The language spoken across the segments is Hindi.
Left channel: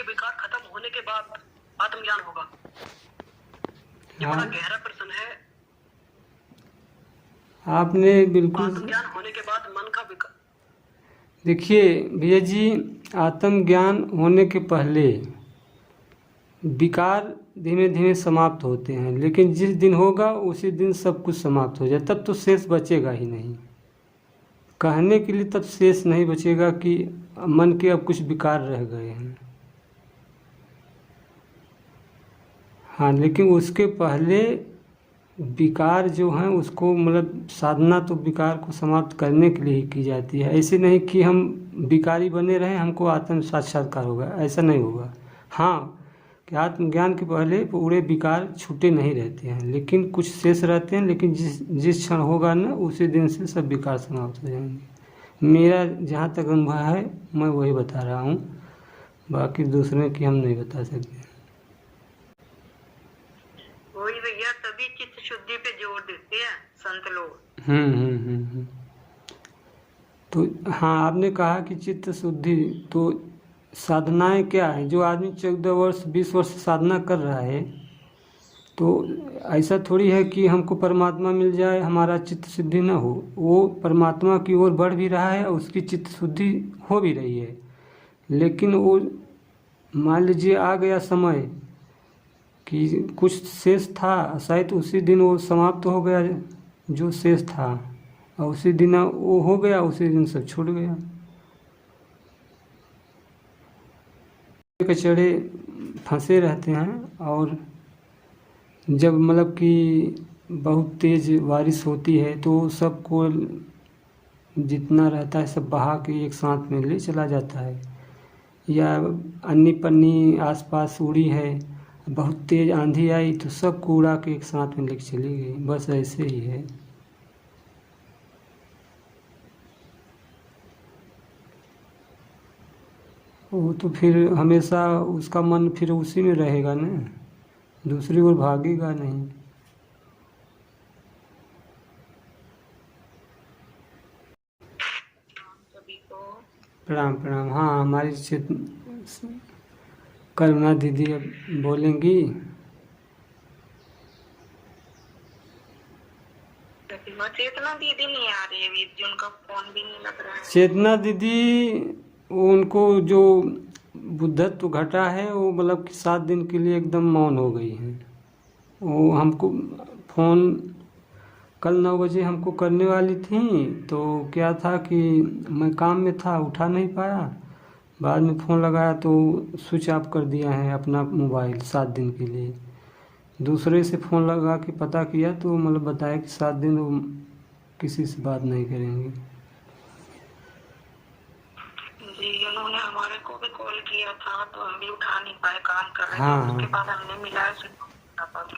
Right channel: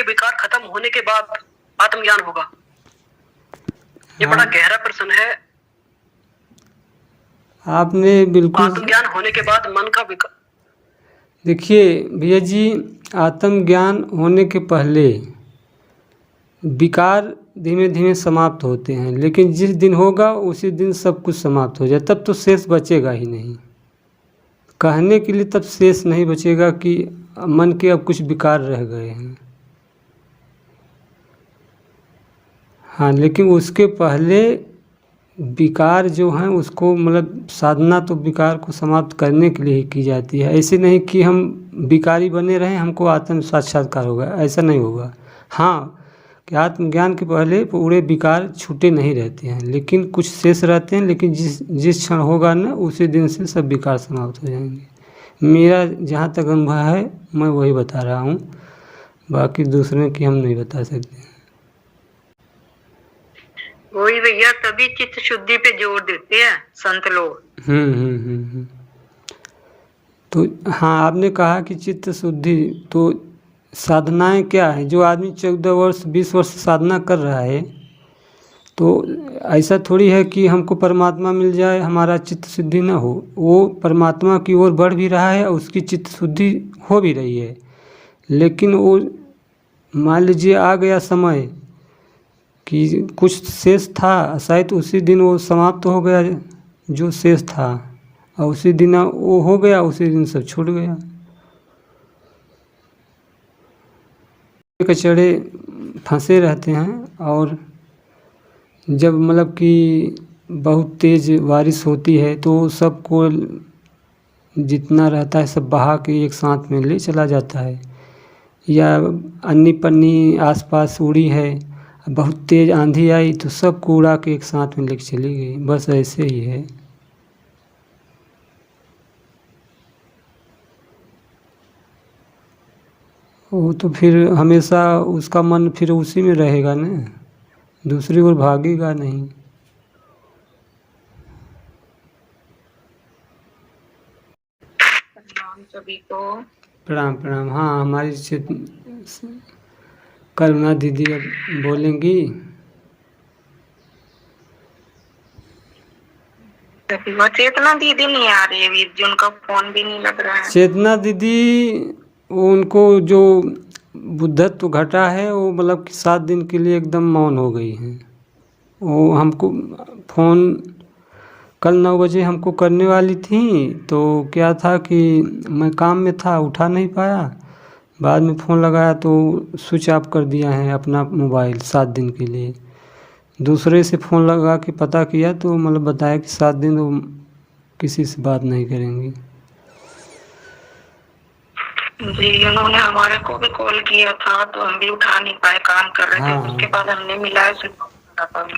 के विकार खत्म होने के बाद आत्मज्ञान होगा? ये बड़ा गहरा प्रश्न है। आपने बिल्कुल आत्मज्ञान होने के बाद मन का विकार। देखिए भैया जी, आत्मज्ञान होने के पहले विकार धीमे धीमे समाप्त होते हैं, लेकिन जिस दिन होगा उसी दिन सब कुछ समाप्त हो जाए, तब तो शेष बचेगा ही नहीं। कहने के लिए तब शेष नहीं बचेगा कि मन के अब कुछ विकार रह गए हैं। हाँ, लेकिन उसके पहले विकार जो हैं उसको मतलब साधना तो विकार को समाप्त करने के लिए ही की जाती है। ऐसे नहीं कि हम विकारी बने रहें हमको आत्म साक्षात्कार होगा, ऐसा नहीं होगा। हाँ, कि आत्मज्ञान के पहले पूरे विकार छूटे नहीं रहते हैं, लेकिन कुछ शेष रहते हैं। लेकिन जिस क्षण होगा ना उसी दिन से सब विकार समाप्त हो जाएंगे। मेरा जहाँ तक अनुभव है मैं वही बता रहा हूँ, बाकी दूसरे की हम नहीं बता सकते। वही भैया, तभी चित्त शुद्धि पे जोर देते हैं संत लोग। तो हाँ, आपने कहा कि चित्त शुद्धि, तो साधनाएं क्या है? जो आदमी 14 वर्ष 20 वर्ष साधना कर रहा है, तो ऐसा थोड़ी है कि हमको परमात्मा मिल जाए हमारा चित्त शुद्धि ना हो। वो परमात्मा की ओर बढ़ भी रहा है और उसकी चित्त शुद्धि हो भी रही है। लेकिन वो मान लीजिए आ गया समय कि कुछ शेष था, शायद उसी दिन वो समाप्त हो गया जो शेष था, और उसी दिन वो हो गया, उसी दिन सब छूट गया। कचड़े फंसे रहते हैं, और जब मतलब कि बहुत तेज़ बारिश होती है तो सबको जितना रहता है सब बहा के एक साथ में ले चला जाता है। या अन्नी पन्नी आसपास उड़ी है, बहुत तेज़ आंधी आई तो सब उड़ा के एक साथ में लेके चली गई। बस ऐसे ही है। वो तो फिर हमेशा उसका मन फिर उसी में रहेगा ना, दूसरी ओर भागेगा नहीं। सभी को प्रणाम प्रणाम। हाँ, हमारी करुणा दीदी अब बोलेंगी। चेतना दीदी नहीं आ रही है वीर जी, उनका फोन भी नहीं लग रहा है। चेतना दीदी, उनको जो बुद्धत्व घटा है वो मतलब कि 7 दिन के लिए एकदम मौन हो गई हैं। वो हमको फ़ोन कल 9 बजे हमको करने वाली थी, तो क्या था कि मैं काम में था, उठा नहीं पाया। बाद में फ़ोन लगाया तो स्विच ऑफ कर दिया है अपना मोबाइल 7 दिन के लिए। दूसरे से फ़ोन लगा के पता किया तो मतलब बताया कि 7 दिन वो किसी से बात नहीं करेंगी। जी, उन्होंने हमारे को भी कॉल किया था तो हम भी उठा नहीं पाए, काम कर रहे थे। उसके बाद हमने मिलाया फिर।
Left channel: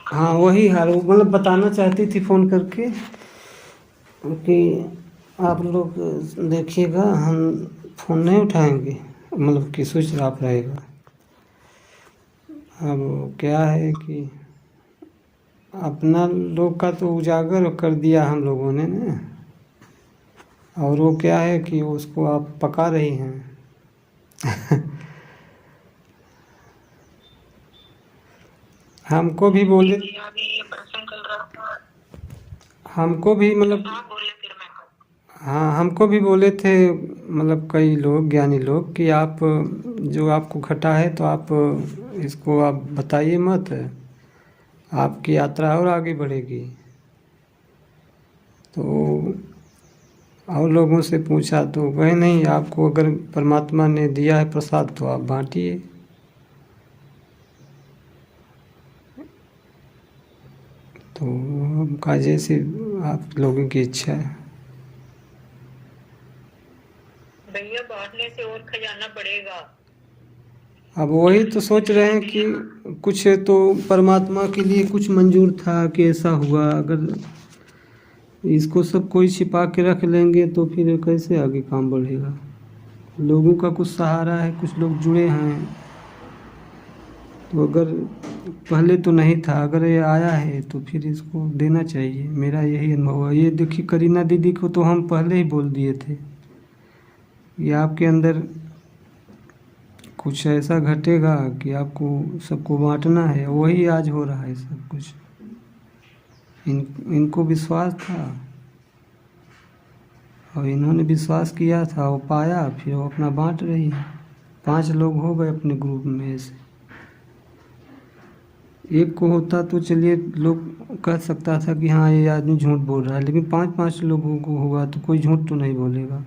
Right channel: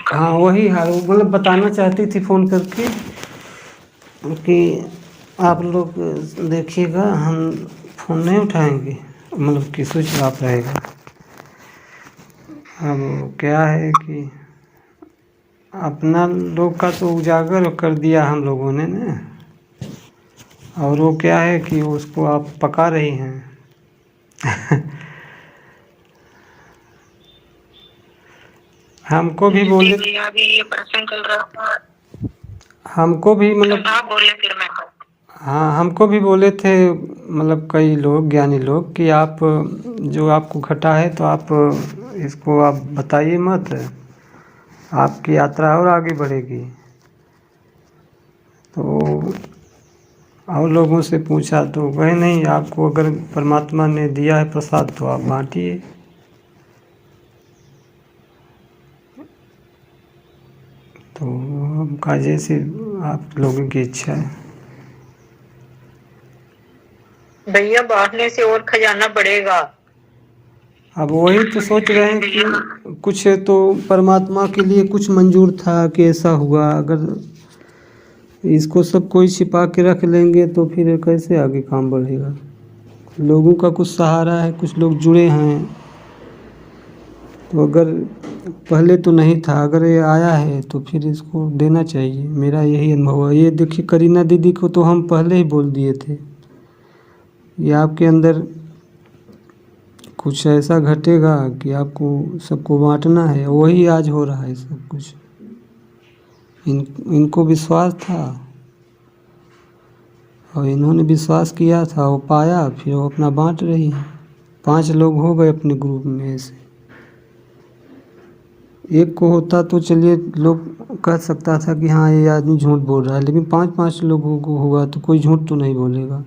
हाँ, वही हाल वो मतलब बताना चाहती थी फ़ोन करके कि आप लोग देखिएगा, हम फ़ोन नहीं उठाएंगे, मतलब कि स्विच ऑफ रहेगा। अब क्या है कि अपना लोग का तो उजागर कर दिया हम लोगों ने ना, और वो क्या है कि उसको आप पका रही हैं। हमको भी बोले, हमको भी मतलब हाँ, हमको भी बोले थे मतलब कई लोग, ज्ञानी लोग, कि आप जो आपको घटा है तो आप इसको आप बताइए मत, आपकी यात्रा और आगे बढ़ेगी। तो और लोगों से पूछा तो कहे नहीं, आपको अगर परमात्मा ने दिया है प्रसाद तो आप बांटिए। तो हमका जैसे आप लोगों की इच्छा है। भैया, बांटने से और खजाना बढ़ेगा। अब वही तो सोच रहे हैं कि कुछ तो परमात्मा के लिए कुछ मंजूर था कि ऐसा हुआ। अगर इसको सब कोई छिपा के रख लेंगे तो फिर कैसे आगे काम बढ़ेगा। लोगों का कुछ सहारा है, कुछ लोग जुड़े हैं, तो अगर पहले तो नहीं था, अगर ये आया है तो फिर इसको देना चाहिए। मेरा यही अनुभव है। ये देखिए, करीना दीदी को तो हम पहले ही बोल दिए थे, ये आपके अंदर कुछ ऐसा घटेगा कि आपको सबको बांटना है, वही आज हो रहा है सब कुछ। इनको विश्वास था और इन्होंने विश्वास किया था, वो पाया, फिर वो अपना बांट रही है। 5 लोग हो गए अपने ग्रुप में से। एक को होता तो चलिए लोग कह सकता था कि हाँ ये आदमी झूठ बोल रहा है, लेकिन 5-5 लोगों को हुआ तो कोई झूठ तो नहीं बोलेगा।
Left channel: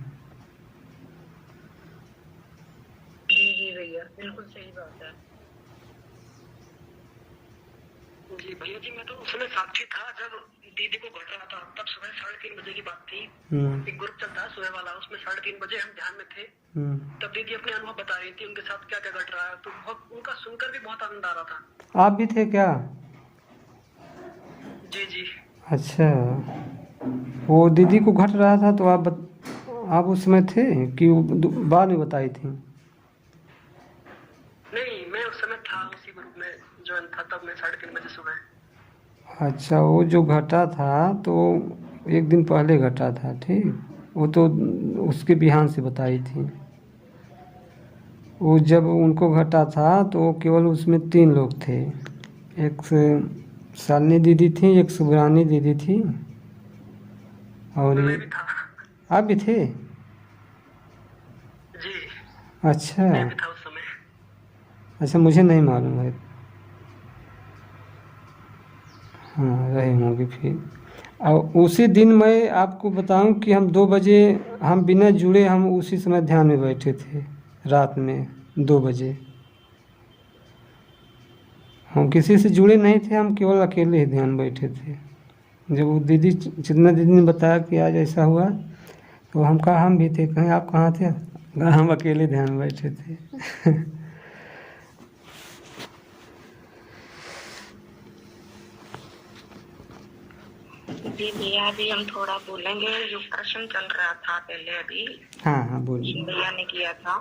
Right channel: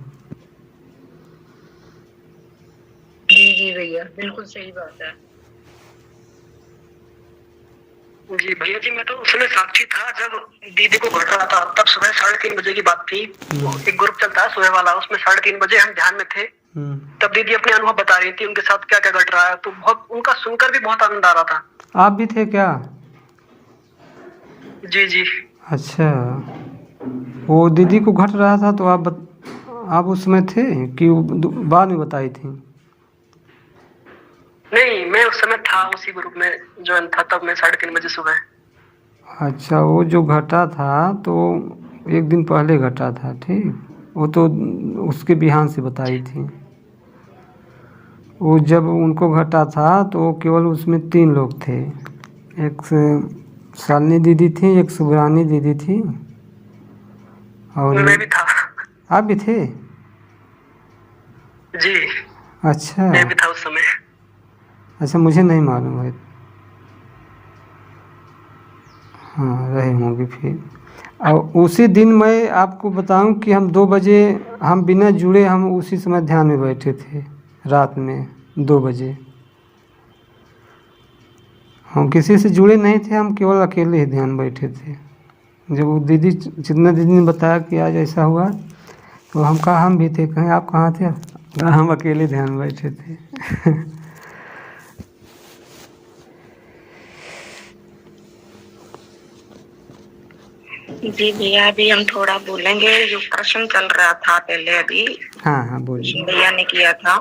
जी जी भैया, बिल्कुल सही बात है। जी भैया जी, मैं तो उसमें साक्षी था जब दीदी को घट रहा था। तब सुबह 3:30 बजे की बात थी। एक ग्रुप चलता है सुबह वाला, उसमें 3:30 बजे हम ध्यान में थे। तब दीदी अपने अनुभव बता रही थी, उनके साथ क्या क्या घट रहा है। तो बहुत उनका सुनकर भी बहुत आनंद आ रहा था। आप भी थे क्या? जी जी। अच्छा, वो दीदी को घट रहा था तो आप उस समय थे कि बाद में बताई थी? नहीं, मैं उस समय था, उसी ग्रुप में ज्वाइन था तब मैं 3:30 बजे सुबह। अच्छा, वो जो घटा था तो एक दिन पहले घटा था, ठीक। वो तो उसके बिहान से बताई थी। वो जब उनको घटा था तो केवल उसमें 3 लोग थे। एक शालिनी दीदी थी, एक सुब्रानी दीदी थी और मैं भी था। आप भी थे? जी, अच्छा मैं भी था उस समय। अच्छा, मुझे नहीं मालूम है। हाँ, रहे होंगे फिर। और उसी दिन मैं आपको बताऊं कि हम 2 बजे, हम बिना जुड़े हम उसी समय ध्यान में बैठे थे, रात में 2 बजे। हम किसी से जुड़े नहीं थे, हम केवल अकेले ही ध्यान बैठे थे। जब वो दीदी जितना दीदी ने बताया कि आज ऐसा हुआ तो हम कहा हम भी थे। कहें आप कहाँ थे? कहा हम अकेले ध्यान में बैठे थे। जी भैया, अभी हम थोड़ा बोलेंगे। जो प्रश्न चल रहा था पहले, अभी हाँ हाँ, बोलिए। भैया ने किया था।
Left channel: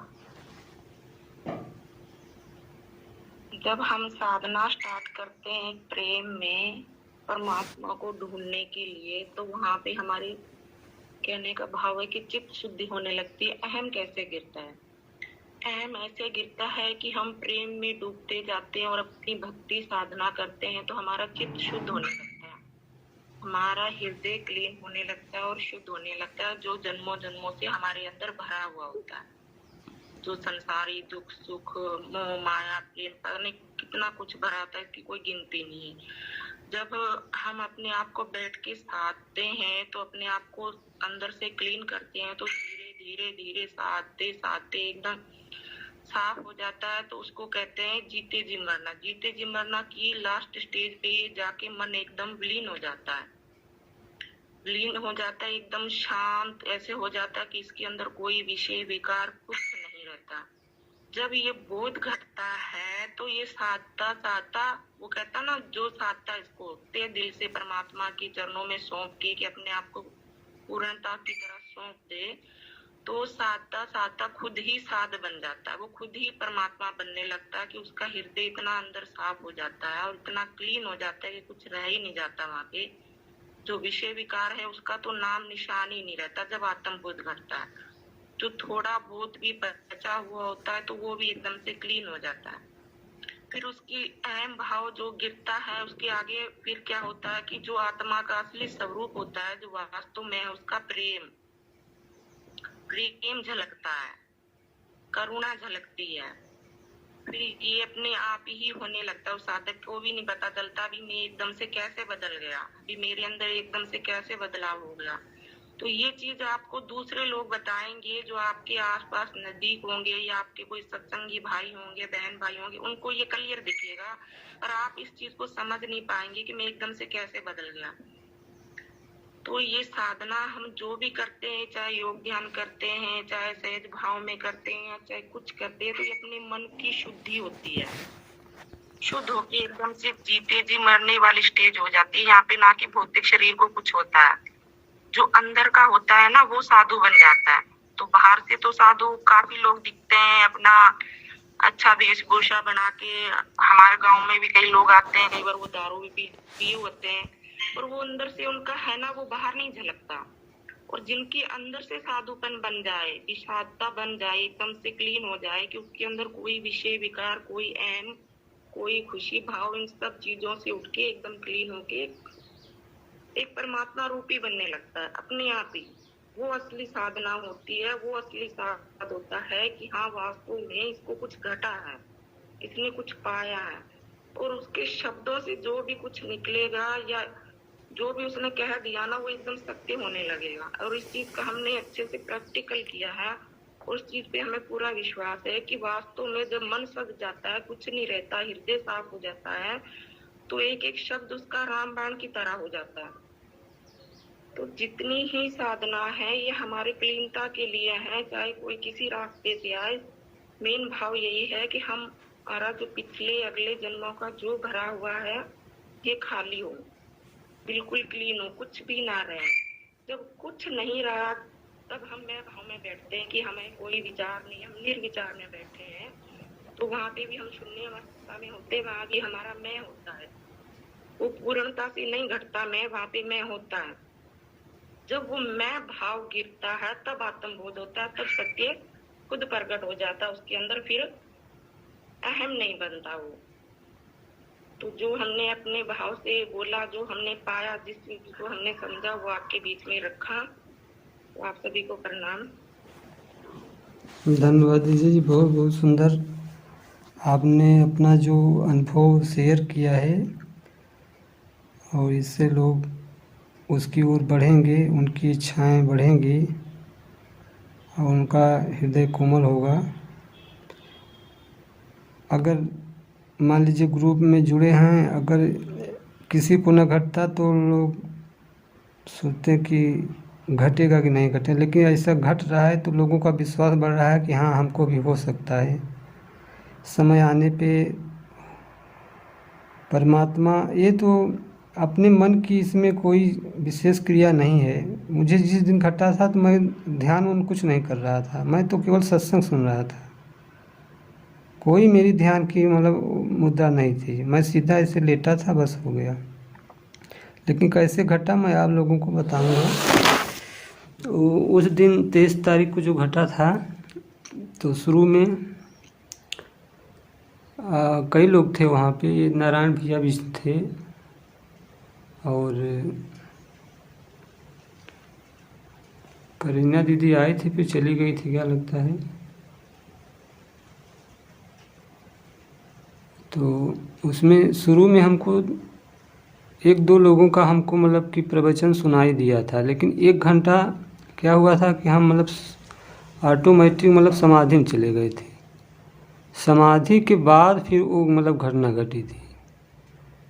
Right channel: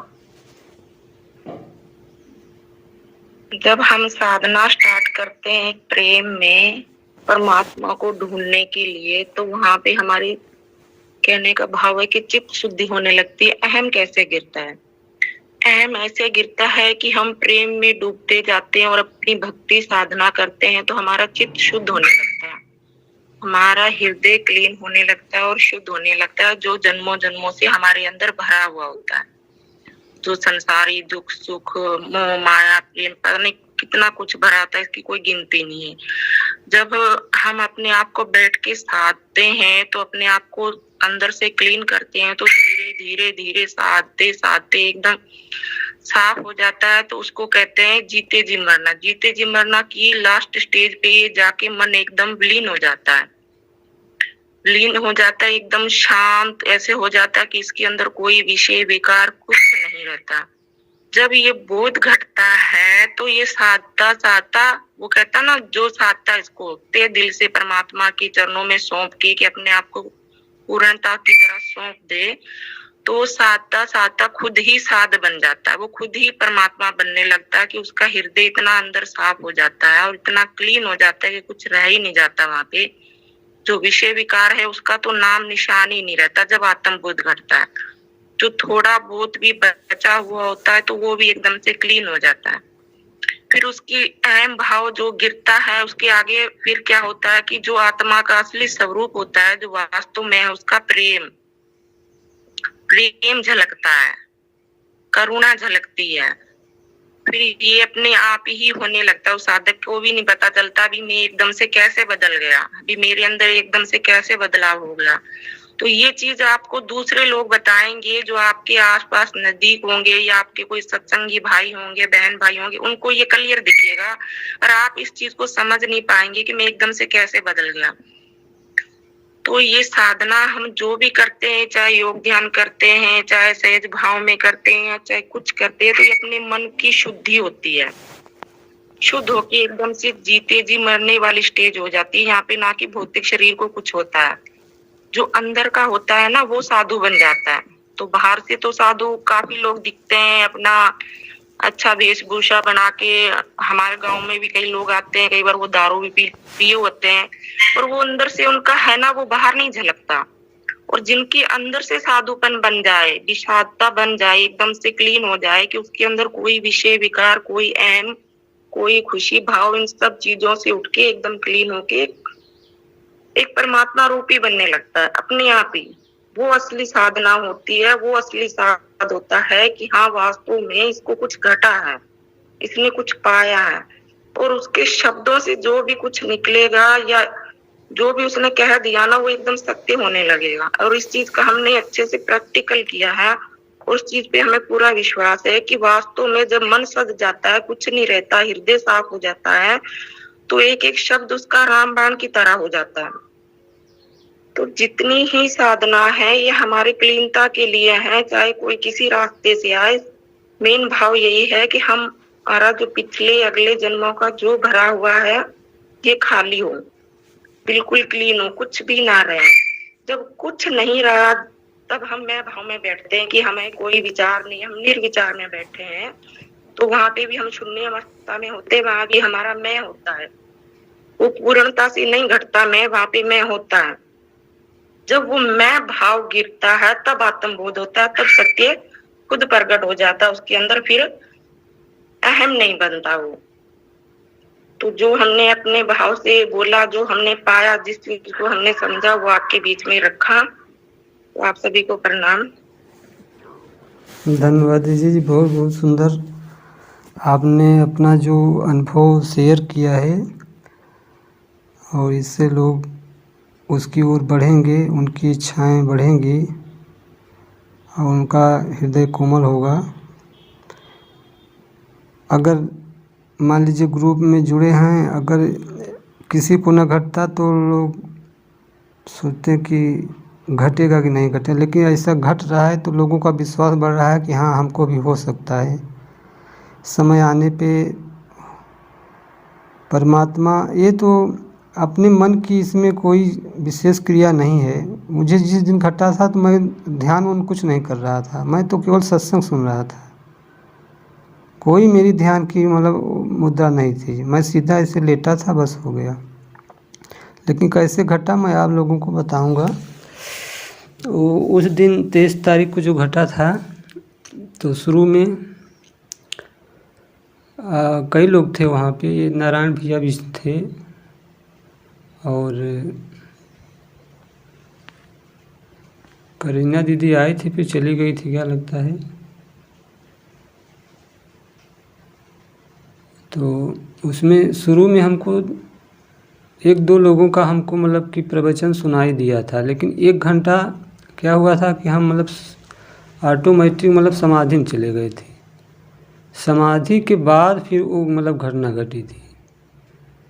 जब हम साधना स्टार्ट करते हैं प्रेम में परमात्मा को ढूंढने के लिए, तो वहां पे हमारी कहने का भाव है कि चित्त शुद्धि होने लगती है। अहम कैसे गिरता है? अहम ऐसे गिरता है कि हम प्रेम में डूबते जाते हैं और अपनी भक्ति साधना करते हैं, तो हमारा चित्त शुद्ध होने लगता है, हमारा हृदय क्लीन होने लगता है और शुद्ध होने लगता है, जो जन्मों जन्मों से हमारे अंदर भरा हुआ होता है। जो संसारी दुख सुख मोह माया प्रेम पता नहीं कितना कुछ भरा था, इसकी कोई गिनती नहीं है। जब हम अपने आप को बैठ के साधते हैं, तो अपने आप को अंदर से क्लीन करते हैं, तो धीरे धीरे धीरे साधते साधते एकदम साफ हो जाता है। तो उसको कहते हैं जीते जी मरना। जीते जी मरना की लास्ट स्टेज पे ये जाके मन एकदम विलीन हो जाता है, लीन हो जाता है, एकदम शांत ऐसे हो जाता है कि इसके अंदर कोई विषय विकार कुछ नहीं रहता। जब ये बोध घटता है तो ये साधता साधता, वो कहता ना, जो साधता इसको ते दिल से परमात्मा के चरणों में सौंप के कि अपने आप को पूर्णता की तरह सौंप दे, तो साधता साधता खुद ही साध बन जाता है। वो खुद ही परमात्मा बनने लगता है कि उसका हृदय इतना अंदर साफ हो जाता है और इतना क्लीन हो जाता है कि कुछ रह ही नहीं जाता वहां पे। जो विषय विकार है उसका तो नाम निशान ही नहीं रहता जब आत्म बोध घटता है। जो थोड़ा बहुत भी बचा हुआ होता है तो वो भी एकदम से क्लीन हो जाता है। फिर उसकी अहम भाव जो गिरता है, उसके आगे फिर क्या होता है कि जो आत्मा का असली स्वरूप होता है, जो वास्तव में है, उसका प्रेम प्रेम झलकता है, करुणा झलकती है। फिर ये अपने आप ही होने लगता है। उस साधक को भी नहीं पता चलता अभी मैं एकदम से कैसे बदल गया, अभी मेरे अंदर एकदम से कैसे बदलाव हो गया। तो ये चीज आपको दूसरे लोग बताएंगे जो आपके आसपास नजदीक होंगे, या आपके कोई सत्संगी भाई होंगे, बहन भाई होंगे, उनको ये क्लियर दिखेगा और आप इस चीज को समझ नहीं पाएंगे कि मैं एकदम से कैसे बदल गया। तो ये साधना हम जो भी करते हैं, चाहे योग ध्यान करते हैं, चाहे सहज भाव में करते हैं, चाहे कुछ करते हैं, तो ये अपने मन की शुद्धि होती है। शुद्ध होके एकदम से जीते जी मरने वाली स्टेज हो जाती है। यहाँ पे ना कि भौतिक शरीर को कुछ होता है, जो अंदर का होता है ना वो साधु बन जाता है। तो बाहर से तो साधु काफी लोग दिखते हैं, अपना अच्छा वेशभूषा बना के। हमारे गांव में भी कई लोग आते हैं, कई बार वो दारू भी पिए होते हैं, और वो अंदर से उनका है ना वो बाहर नहीं झलकता। और जिनके अंदर से साधुपन बन जाए, विषादता बन जाए, एकदम से क्लीन हो जाए कि उसके अंदर कोई विषय विकार, कोई अहम, कोई खुशी भाव, इन सब चीजों से उठ के एकदम क्लीन होके एक परमात्मा रूपी बनने लगता है अपने आप ही। वो असली साधना होती है, वो असली साध होता है कि हाँ वास्तव में इसको कुछ घटा है, इसने कुछ पाया है, और उसके शब्दों से जो भी कुछ निकलेगा या जो भी उसने कह दिया ना वो एकदम सत्य होने लगेगा। और इस चीज का हमने अच्छे से प्रैक्टिकल किया है, उस चीज पे हमें पूरा विश्वास है कि वास्तव में जब मन सज जाता है, कुछ नहीं रहता, हृदय साफ हो जाता है, तो एक एक शब्द उसका रामबाण की तरह हो जाता है। तो जितनी ही साधना है ये हमारे क्लीनता के लिए है, चाहे कोई किसी रास्ते से आए। मेन भाव यही है कि हमारा जो पिछले अगले जन्मों का जो भरा हुआ है ये खाली हो, बिल्कुल क्लीन हो, कुछ भी ना रहे। जब कुछ नहीं रहा तब हम मैं भाव में बैठते हैं कि हमें कोई विचार नहीं, हम निर्विचार में बैठे हैं। तो वहां पे भी हम शून्य अवस्था में होते, वहां भी हमारा मैं होता है, वो पूर्णता से नहीं घटता मैं, वहां पे मैं होता है। जब वो मैं भाव गिरता है तब आत्मबोध होता है, तब सत्य खुद प्रकट हो जाता है उसके अंदर, फिर अहम नहीं बनता वो। तो जो हमने अपने भाव से बोला, जो हमने पाया, जिस चीज को हमने समझा वो आपके बीच में रखा। तो आप सभी को प्रणाम। धन्यवाद दीदी जी, बहुत बहुत सुंदर आपने अपना जो अनुभव शेयर किया है, और इससे लोग उसकी ओर बढ़ेंगे, उनकी इच्छाएं बढ़ेंगी और उनका हृदय कोमल होगा। अगर मान लीजिए ग्रुप में जुड़े हैं, अगर किसी को न घटता तो लोग सोचते हैं कि घटेगा कि नहीं घटे, लेकिन ऐसा घट रहा है तो लोगों का विश्वास बढ़ रहा है कि हाँ हमको भी हो सकता है। समय आने पे परमात्मा, ये तो अपने मन की इसमें कोई विशेष क्रिया नहीं है। मुझे जिस दिन घटा था तो मैं ध्यान उन कुछ नहीं कर रहा था, मैं तो केवल सत्संग सुन रहा था, कोई मेरी ध्यान की मतलब मुद्रा नहीं थी, मैं सीधा ऐसे लेटा था, बस हो गया। लेकिन कैसे घटा मैं आप लोगों को बताऊंगा। तो उस दिन 23 तारीख को जो घटा था, तो शुरू में कई लोग थे वहाँ पे, नारायण भैया भी थे और करीना दीदी आई थी, फिर चली गई थी क्या लगता है। तो उसमें शुरू में हमको एक दो लोगों का हमको मतलब कि प्रवचन सुनाई दिया था, लेकिन 1 घंटा क्या हुआ था कि हम मतलब ऑटोमेटिक मतलब समाधि में चले गए थे। समाधि के बाद फिर वो मतलब घटना घटी थी,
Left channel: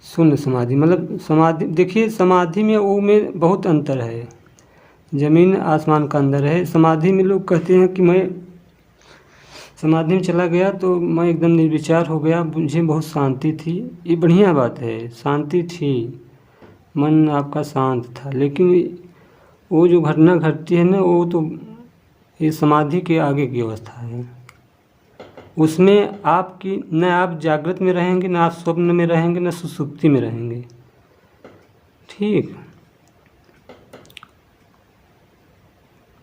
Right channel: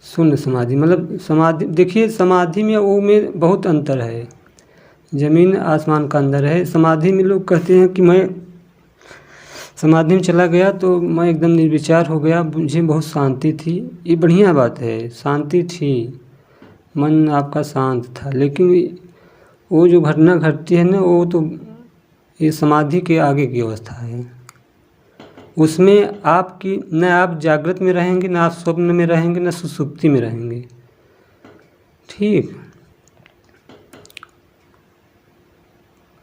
शून्य समाधि। मतलब समाधि, देखिए समाधि में वो में बहुत अंतर है, ज़मीन आसमान का अंदर है। समाधि में लोग कहते हैं कि मैं समाधि में चला गया तो मैं एकदम निर्विचार हो गया, मुझे बहुत शांति थी। ये बढ़िया बात है, शांति थी, मन आपका शांत था, लेकिन वो जो घटना घटती है ना, वो तो ये समाधि के आगे की अवस्था है। उसमें आपकी न आप जागृत में रहेंगे, न आप स्वप्न में रहेंगे, न सुसुप्ति में रहेंगे। ठीक,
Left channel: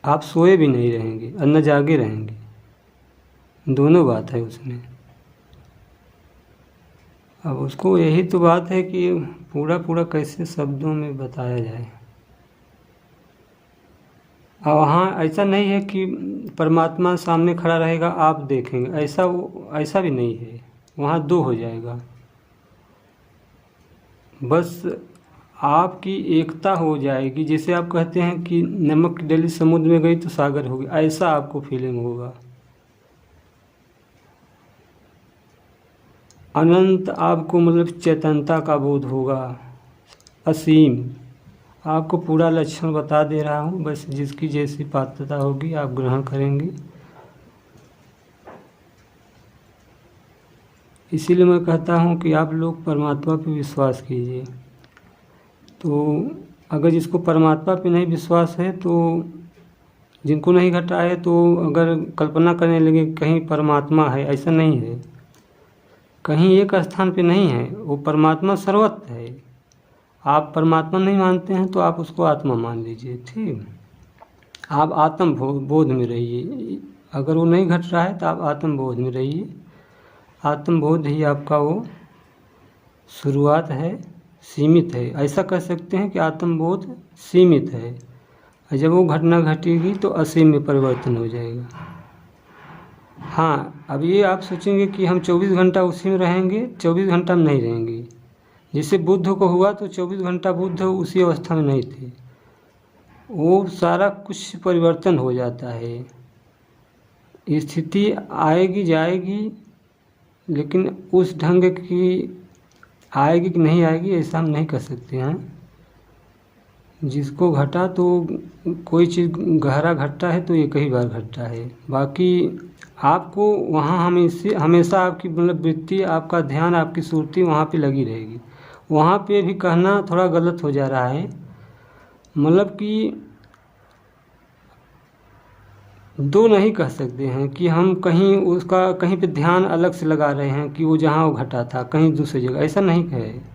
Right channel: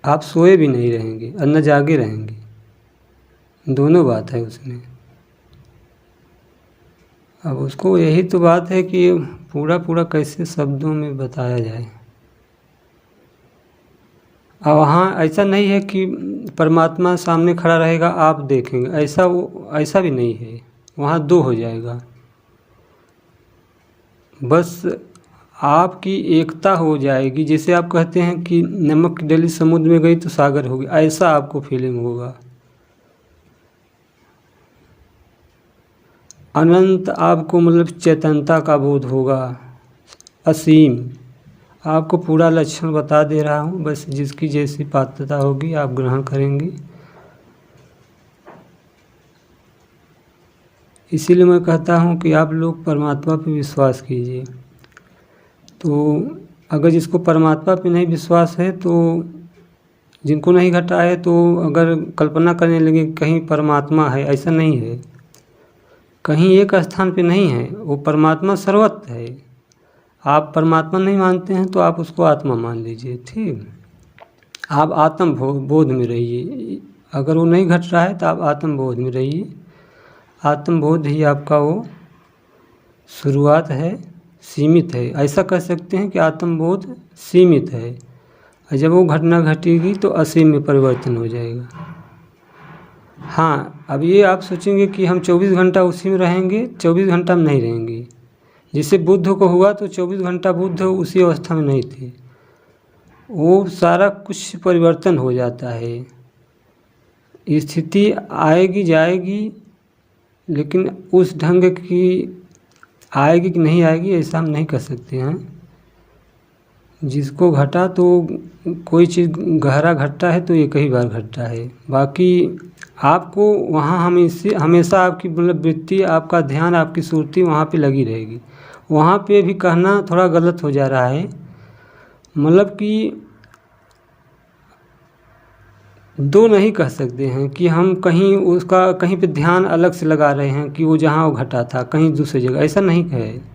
आप सोए भी नहीं रहेंगे और न जागे रहेंगे, दोनों बात है उसमें। अब उसको यही तो बात है कि पूरा पूरा कैसे शब्दों में बताया जाए। और वहाँ ऐसा नहीं है कि परमात्मा सामने खड़ा रहेगा आप देखेंगे, ऐसा भी नहीं है। वहाँ दो हो जाएगा, बस आपकी एकता हो जाएगी। जैसे आप कहते हैं कि नमक की डली समुद्र में गई तो सागर हो गया, ऐसा आपको फीलिंग होगा। अनंत आपको मतलब चेतनता का बोध होगा, असीम। आपको पूरा लक्षण बता दे रहा हूँ, बस जिसकी जैसी पात्रता होगी आप ग्रहण करेंगे। इसीलिए मैं कहता हूँ कि आप लोग परमात्मा पे विश्वास कीजिए। तो अगर जिसको परमात्मा पे नहीं विश्वास है, तो जिनको नहीं घटा है, तो अगर कल्पना करने लगे कहीं परमात्मा है, ऐसा नहीं है। कहीं एक स्थान पे नहीं है, वो परमात्मा सर्वत्र है। आप परमात्मा नहीं मानते हैं तो आप उसको आत्मा मान लीजिए। ठीक, आप आत्म बोध में रहिए। अगर वो नहीं घट रहा है तो आप आत्म बोध में रहिए। आत्म बोध ही आपका वो शुरुआत है, सीमित है। ऐसा कह सकते हैं कि आत्म बोध सीमित है, और जब वो घटना घटेगी तो असीम में परिवर्तन हो जाएगा। हाँ, अब ये आप सोचेंगे कि हम 24 घंटा उसी में रहेंगे, 24 घंटा में नहीं रहेंगे। जैसे बुद्ध को हुआ तो 24 घंटा बुद्ध उसी अवस्था में नहीं थे, वो सारा कुछ परिवर्तन हो जाता है। स्थिति आएगी जाएगी, लेकिन उस ढंग की आएगी कि नहीं आएगी ऐसा हम नहीं कर सकते हैं। जिसको घटा तो कोई चीज़ गहरा घटता है तो एक ही बार घटता है। बाकी आपको वहाँ हमेशा आपकी मतलब वृत्ति, आपका ध्यान, आपकी सुरती वहाँ पे लगी रहेगी। वहाँ पे भी कहना थोड़ा गलत हो जा रहा है, मतलब कि दो नहीं कह सकते हैं कि हम कहीं उसका कहीं पे ध्यान अलग से लगा रहे हैं कि वो जहाँ वो घटा था कहीं दूसरी जगह, ऐसा नहीं है।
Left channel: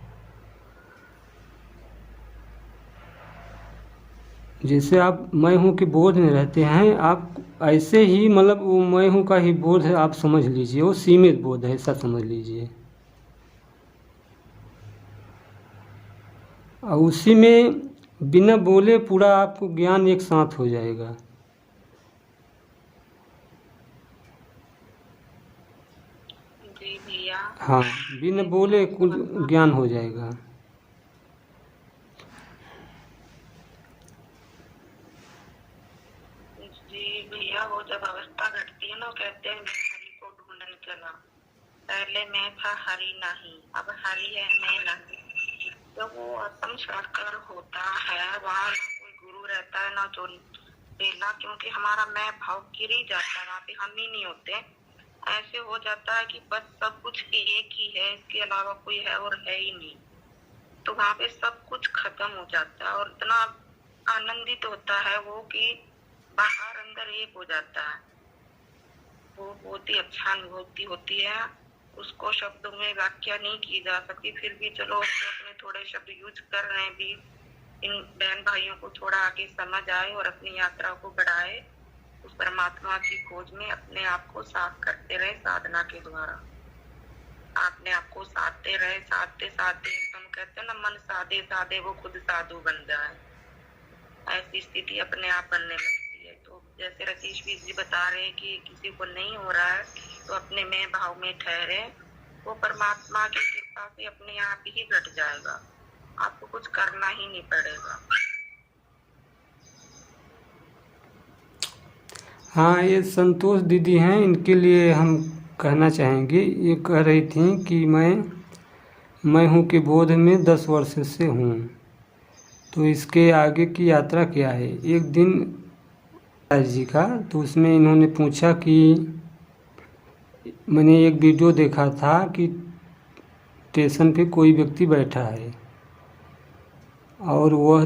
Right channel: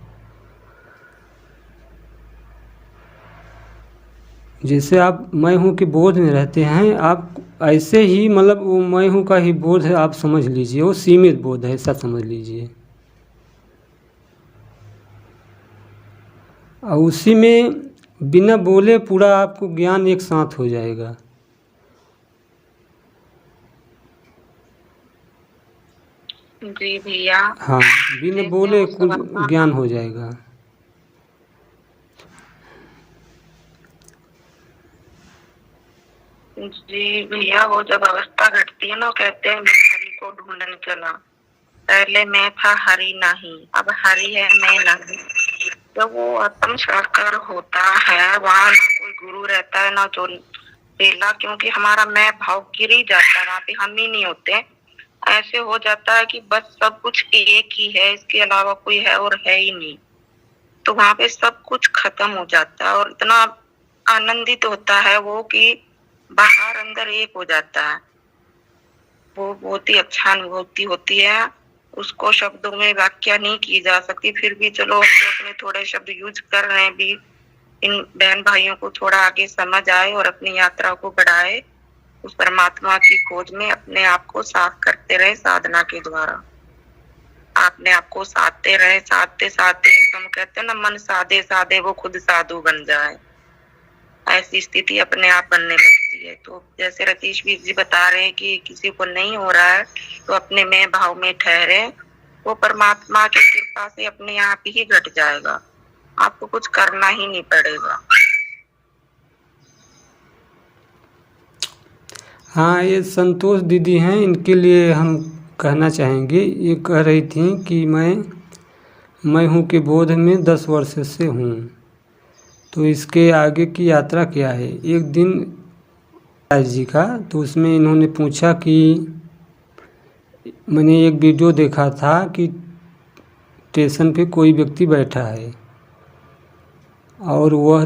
जैसे आप मैं हूँ के बोध में रहते हैं, आप ऐसे ही मतलब वो मैं हूँ का ही बोध है, आप समझ लीजिए वो सीमित बोध है, ऐसा समझ लीजिए। और उसी में बिना बोले पूरा आपको ज्ञान एक साथ हो जाएगा। जी भैया। हाँ, बिना जैसे बोले उस कुछ अवस्था ज्ञान हो जाएगा। जी भैया, वो जब अवस्था घटती है ना, कहते हैं मैं हरि को ढूंढने चला, पहले मैं था हरि नहीं, अब हरि है मैं नहीं। जब वो आत्म साकार होता है, वहाँ ना कोई गुरु रहता है ना जो चेला, क्योंकि हमारा मैं भाव गिर ही जाता है, वहाँ पे हम ही नहीं होते। ऐसे हो जाता है कि बस सब कुछ एक ही है, इसके अलावा कोई है और है ही नहीं। तो वहाँ पे सब कुछ खत्म हो जाता है और इतना आनंदित होता है वो कि बाहर अंदर एक हो जाता है। वो बहुत ही अच्छा अनुभूति होती है, उसको शब्दों में व्याख्या नहीं की जा सकती। फिर भी चलो हम तो अपने थोड़े शब्द यूज कर रहे हैं भी, इन बहन भाइयों को थोड़ा आगे समझ आए और अपनी यात्रा को बढ़ाए, उस परमात्मा की खोज में अपने आप को साफ करते रहे साधना के द्वारा। अपने आप को साधते रहे, साधते साधते एकदम कहते हैं ना, मन साधे साधे वो खुद साधु बन जाए, ऐसी स्थिति अपने आप बनने लगती है। तो जैसे रतीश भी जी बता रहे हैं कि किसी को नहीं हो रहा है तो अपने मैं भाव में ठहरे, वो परमात्मा की कृपा से अपने आप ही घट जाएगा, आपको कुछ करना ही नहीं पड़ेगा। हाँ, ये संतोष दीदी हैं, इनके लिए हम कहना चाहेंगे। ये कह रही थी कि मैं हूँ के बोध में 10 वर्ष से हूँ, तो इसके आगे की यात्रा क्या है। एक दिन जी का तो उसमें इन्होंने पूछा कि मैंने एक वीडियो देखा था कि स्टेशन पे कोई व्यक्ति बैठा है और वह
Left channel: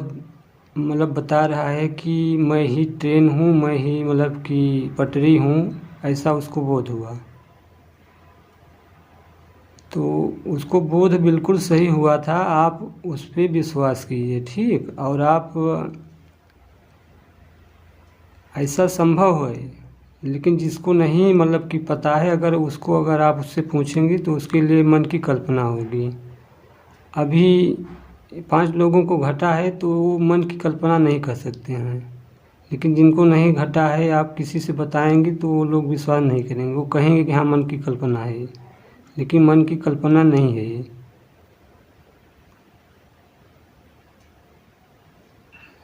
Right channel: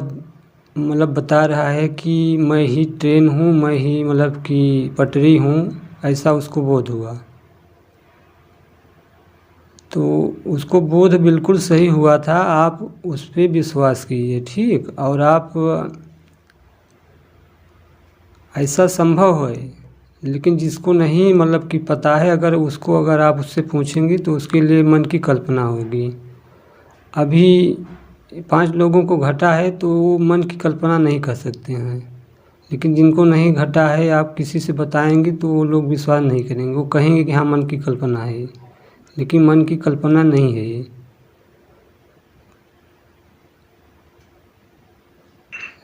मतलब बता रहा है कि मैं ही ट्रेन हूँ, मैं ही मतलब कि पटरी हूँ, ऐसा उसको बोध हुआ। तो उसको बोध बिल्कुल सही हुआ था, आप उस पर विश्वास कीजिए, ठीक। और आप ऐसा संभव है, लेकिन जिसको नहीं मतलब कि पता है, अगर आप उससे पूछेंगे तो उसके लिए मन की कल्पना होगी। अभी 5 लोगों को घटा है तो वो मन की कल्पना नहीं कर सकते हैं, लेकिन जिनको नहीं घटा है आप किसी से बताएंगे तो वो लोग विश्वास नहीं करेंगे, वो कहेंगे कि हाँ मन की कल्पना है, लेकिन मन की कल्पना नहीं है ये।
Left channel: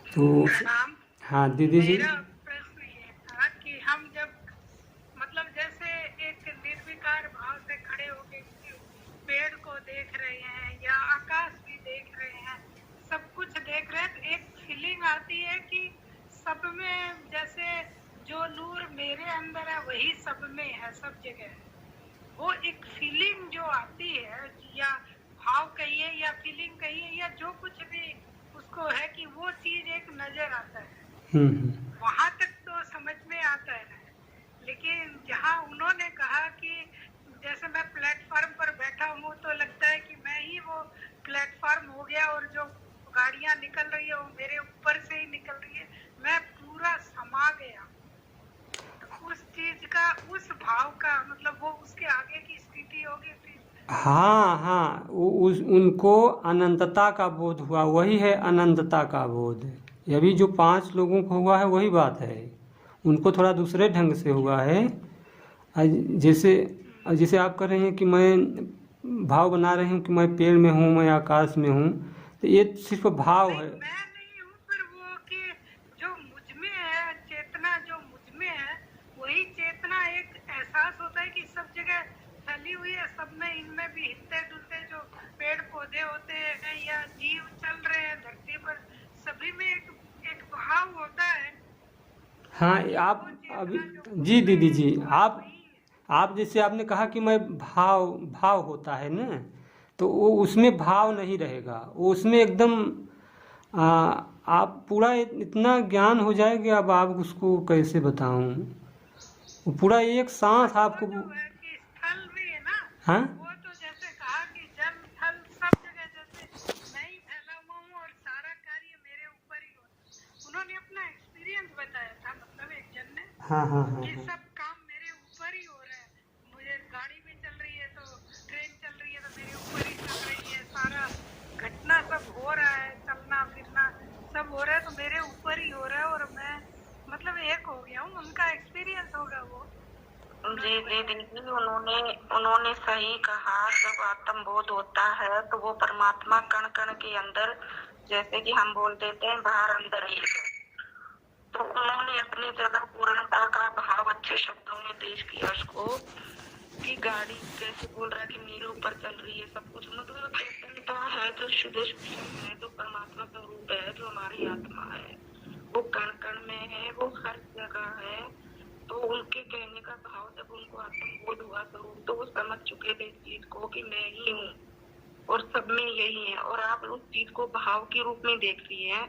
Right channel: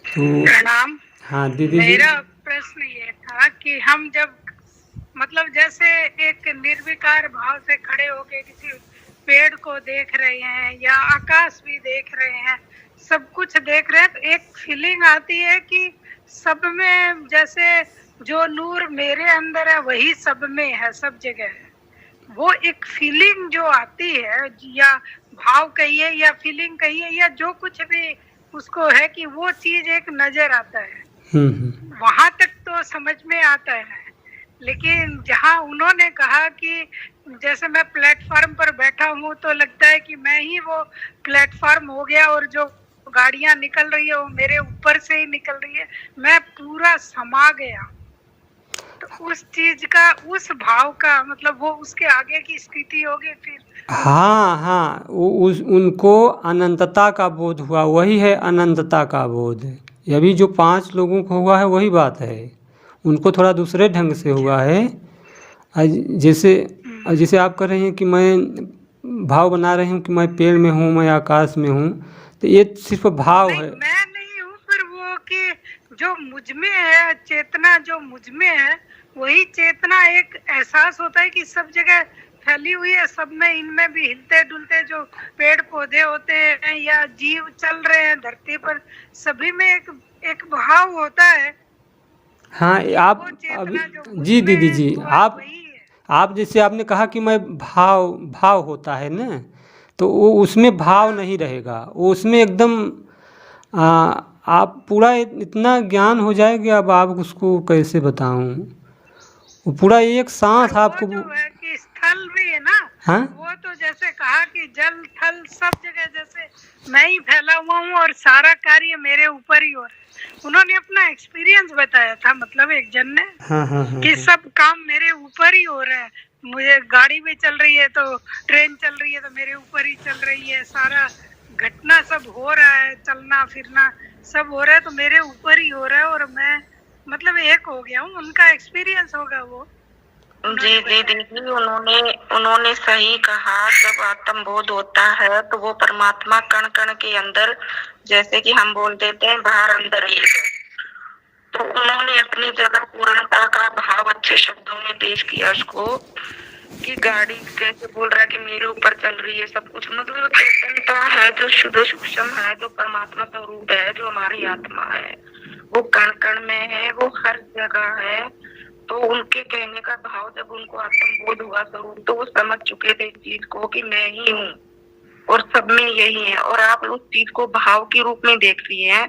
तो प्रणाम। हाँ दीदी जी। मेरा प्रश्न ये था कि हम जब मतलब जैसे एक निर्विकार भाव से खड़े होके किसी पेड़ को देख रहे हैं या आकाश भी देख रहे हैं, सब कुछ देख रहे हैं, तो एक फीलिंग आती है कि सब में जैसे जो नूर मेरे अंदर है वही सब में है, सब जगह है। वो एक फीलिंग जो आती है, या भाव कहिए या फीलिंग कहिए या जो कुछ भी उसको है, कि वो चीज एक नजर आता है। वहां तक तो समझ में आता है, लेकिन जहां उन्होंने कहा कि जैसे मैं प्लेटफॉर्म पर बैठा हूँ तो लगता है कि मैं ही वो प्लेटफॉर्म हो गया और जो गाड़ियां निकल रही है वो मेरे ऊपर से ही निकल रही है, मैं पूरा समा गया। तो उस चीज का, उस भाव का मतलब वो उसके आगे की स्थिति होगी फिर। हाँ हाँ, उनको अनंतता का बोध हुआ, वही है अनंतता का बोध। अभी जो 5 लोगों को हुआ है वही बात है, उनको थोड़ा दूसरे ढंग से हुआ है। जैसे जैसे आप कह रहे हैं कि मैं भाव बना रहे हूँ कि मैं पेड़ में हूँ, मैं आकाश में हूँ, तो ये सिर्फ भाव नहीं, है। मैं नहीं हूँ, पर वो कि जो मुझ में है, चेतना जो मुझ में है, वही चेतना एक एहसास होता है कि सब जगह फैली हुई है, सब में, इनमें भी हिलते डुलते जो पेड़ पौधे होते हैं या जीव चल रहे हैं धरती पर, सभी में एक भाव होता है। हाँ आप वो अभी, चेतना जो जी मुझ में दीदी है जी, वो वही है। आप जैसे आपने कहा कि मैं भाव भाव होता है ना, तो वो उसमें भाव नहीं रहेगा, वो उसमें एकदम आ, आप पूरा इतना ज्ञान हो जाएगा, अब आप उसको कैसे बताऊं, वो पूरा एक और सांस वो आपको। जो है कि स्थल भी है ना, हाँ वो तो जैसे कहा कि जल थल सब जगह जैसे मैं ही फैला हुआ हूँ और सारा कार्य मेरे ऊपर ही हो रहा है। उन्होंने अपना एक्सपीरियंस बताया था, मतलब एक जन ने, हाँ हाँ हाँ कि हाँ। सब काम मेरे ऊपर ही हो रहा है। मुझे गाड़ी भी चल रही है तो, ट्रेन चल रही है तो मेरे ऊपर ही चल रही है, सारा घटना सब हो रहा है, चलना फिरना सब हो रहा है तो मेरे ऊपर ही हो रहा है, और मैं मतलब एक हो गया हूँ। उनका एक्सपीरियंस होगा वो। जी जी दीदी, उन्होंने उन्होंने सही कहा। जब आत्म बोध होता है तो वो परमात्मा कण कण के अंदर, जैसे कि हम बोल देते हैं बाहर अंदर एक है, तो उन्होंने अपनी जगह पूर्णता का भाव अच्छे शब्दों में पेश किया उसको, कि गाड़ी कैसे बोल रहा है कि मेरे ऊपर चल रही है सब कुछ, मतलब चेतनता है जो शुद्ध सूक्ष्म है, जो परमात्मा स्वरूप है, जो हमारी आत्मा है, वो कण कण में है, वो हर जगह है। तो उनके कहने का भाव, जब उनको आत्म बोध हुआ स्वरूप, तो वो समझ चुके थे इस चीज को कि मैं ही हूँ और सब में यही है। और आप उस चीज को भाव के रूप में देख रही हैं,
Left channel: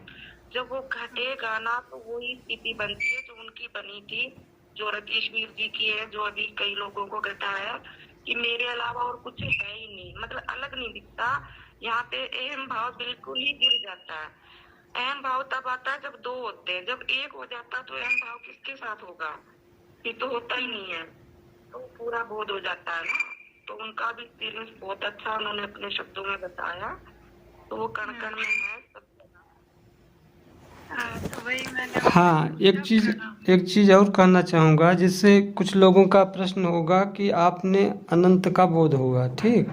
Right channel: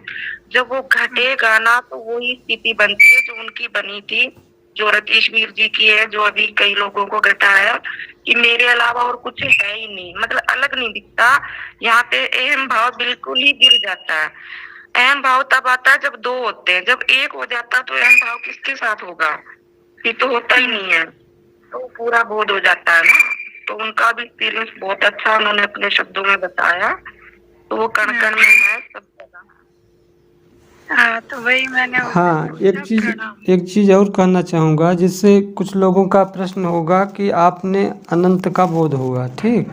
जब वो घटेगा ना तो वही स्थिति बनती है जो उनकी बनी थी, जो रतीशवीर जी की है, जो अभी कई लोगों को घटा है कि मेरे अलावा और कुछ है ही नहीं, मतलब अलग नहीं दिखता। यहाँ पे अहम भाव बिल्कुल ही गिर जाता है। अहम भाव तब आता है जब 2 होते हैं, जब 1 हो जाता है तो अहम भाव किसके साथ होगा, ये तो होता ही नहीं है, तो पूरा बोध हो जाता है ना। तो उनका भी एक्सपीरियंस बहुत अच्छा उन्होंने अपने शब्दों में बताया, तो वो कण कण में है सब जगह। हाँ, तो वही मैंने हाँ, एक चीज़ और कहना चाहूँगा, जिससे कुछ लोगों का प्रश्न होगा कि आपने अनंत का बोध होगा, ठीक,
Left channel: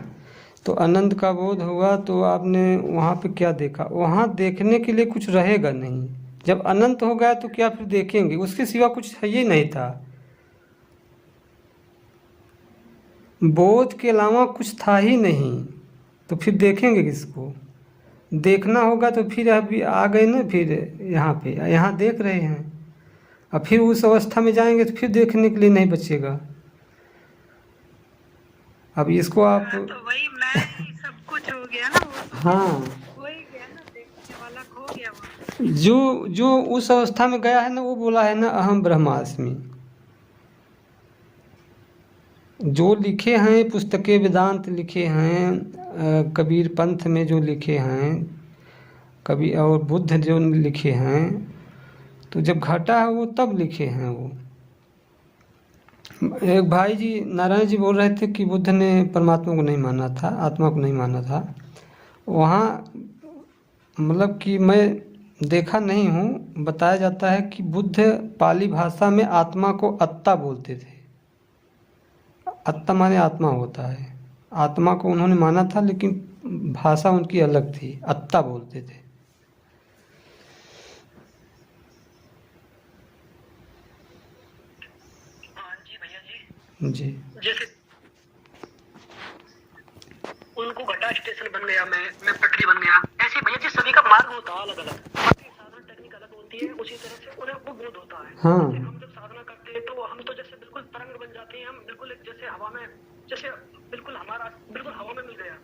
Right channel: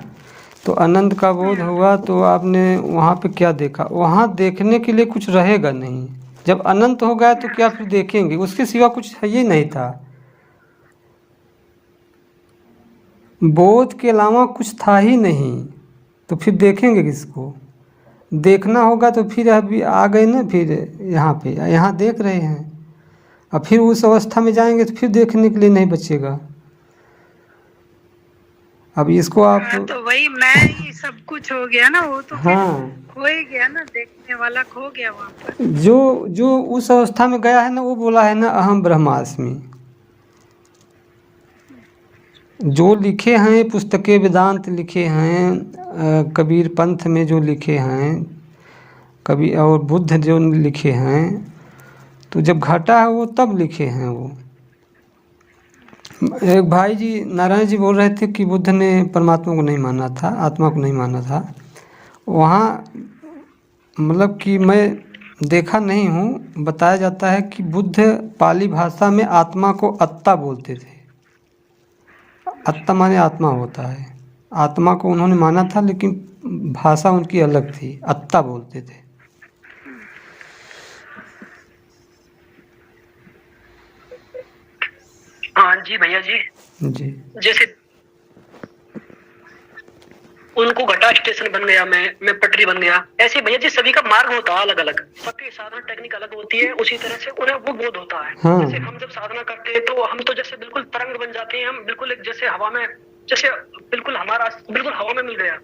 तो अनंत का बोध होगा तो आपने वहाँ पे क्या देखा, वहाँ देखने के लिए कुछ रहेगा नहीं। जब अनंत हो गया तो क्या फिर देखेंगे, उसके सिवा कुछ है ही नहीं था, बोध के अलावा कुछ था ही नहीं, तो फिर देखेंगे किसको। देखना होगा तो फिर अभी आ गए ना, फिर यहाँ पे, यहाँ देख रहे हैं, अब फिर उस अवस्था में जाएंगे तो फिर देखने के लिए नहीं बचेगा। अब इसको आप, तो वही मैं ही सब कुछ हो गया ना, वो तो फिर हाँ, हो ही गया ना, देखने वाला खो गया वहाँ पर। जो उस अवस्था में गया है ना, वो बोला है ना अहम ब्रह्मास्मि। जो लिखे हैं पुस्तकें, वेदांत लिखे हैं, कबीर पंथ में जो लिखे हैं कभी, और बुद्ध जो लिखे हैं, तो जब घटा है वो तब लिखे हैं वो। एक भाई जी नारायण जी बोल रहे थे कि बुद्ध ने परमात्मा को नहीं माना था, आत्मा को नहीं माना था। वहाँ मतलब कि मैं देखा नहीं हूँ, बताया जाता है कि बुद्ध पाली भाषा में आत्मा को अत्ता बोलते थे। अत्ता माने आत्मा होता है, आत्मा को उन्होंने माना था, लेकिन भाषा उनकी अलग थी, अत्ता बोलते थे। हाँ जी भैया जी, जैसे उनको घटा स्टेशन बन गया, मैं पटरी बन गया, ऐसे भैया जी सभी का मार्ग होता है अलग अलग, आपकी साधना टेक्निक अलग होती है, उसी तरह से उन्हें वो बोध होता है। हाँ। जैसे हम जब साधना करते हैं तो हम तो जैसे बिल्कुल तरंग बन जाते हैं, हम बिल्कुल एक जैसे हवा में, जैसे बिल्कुल हमारा बिल्कुल हवा में मिल गया,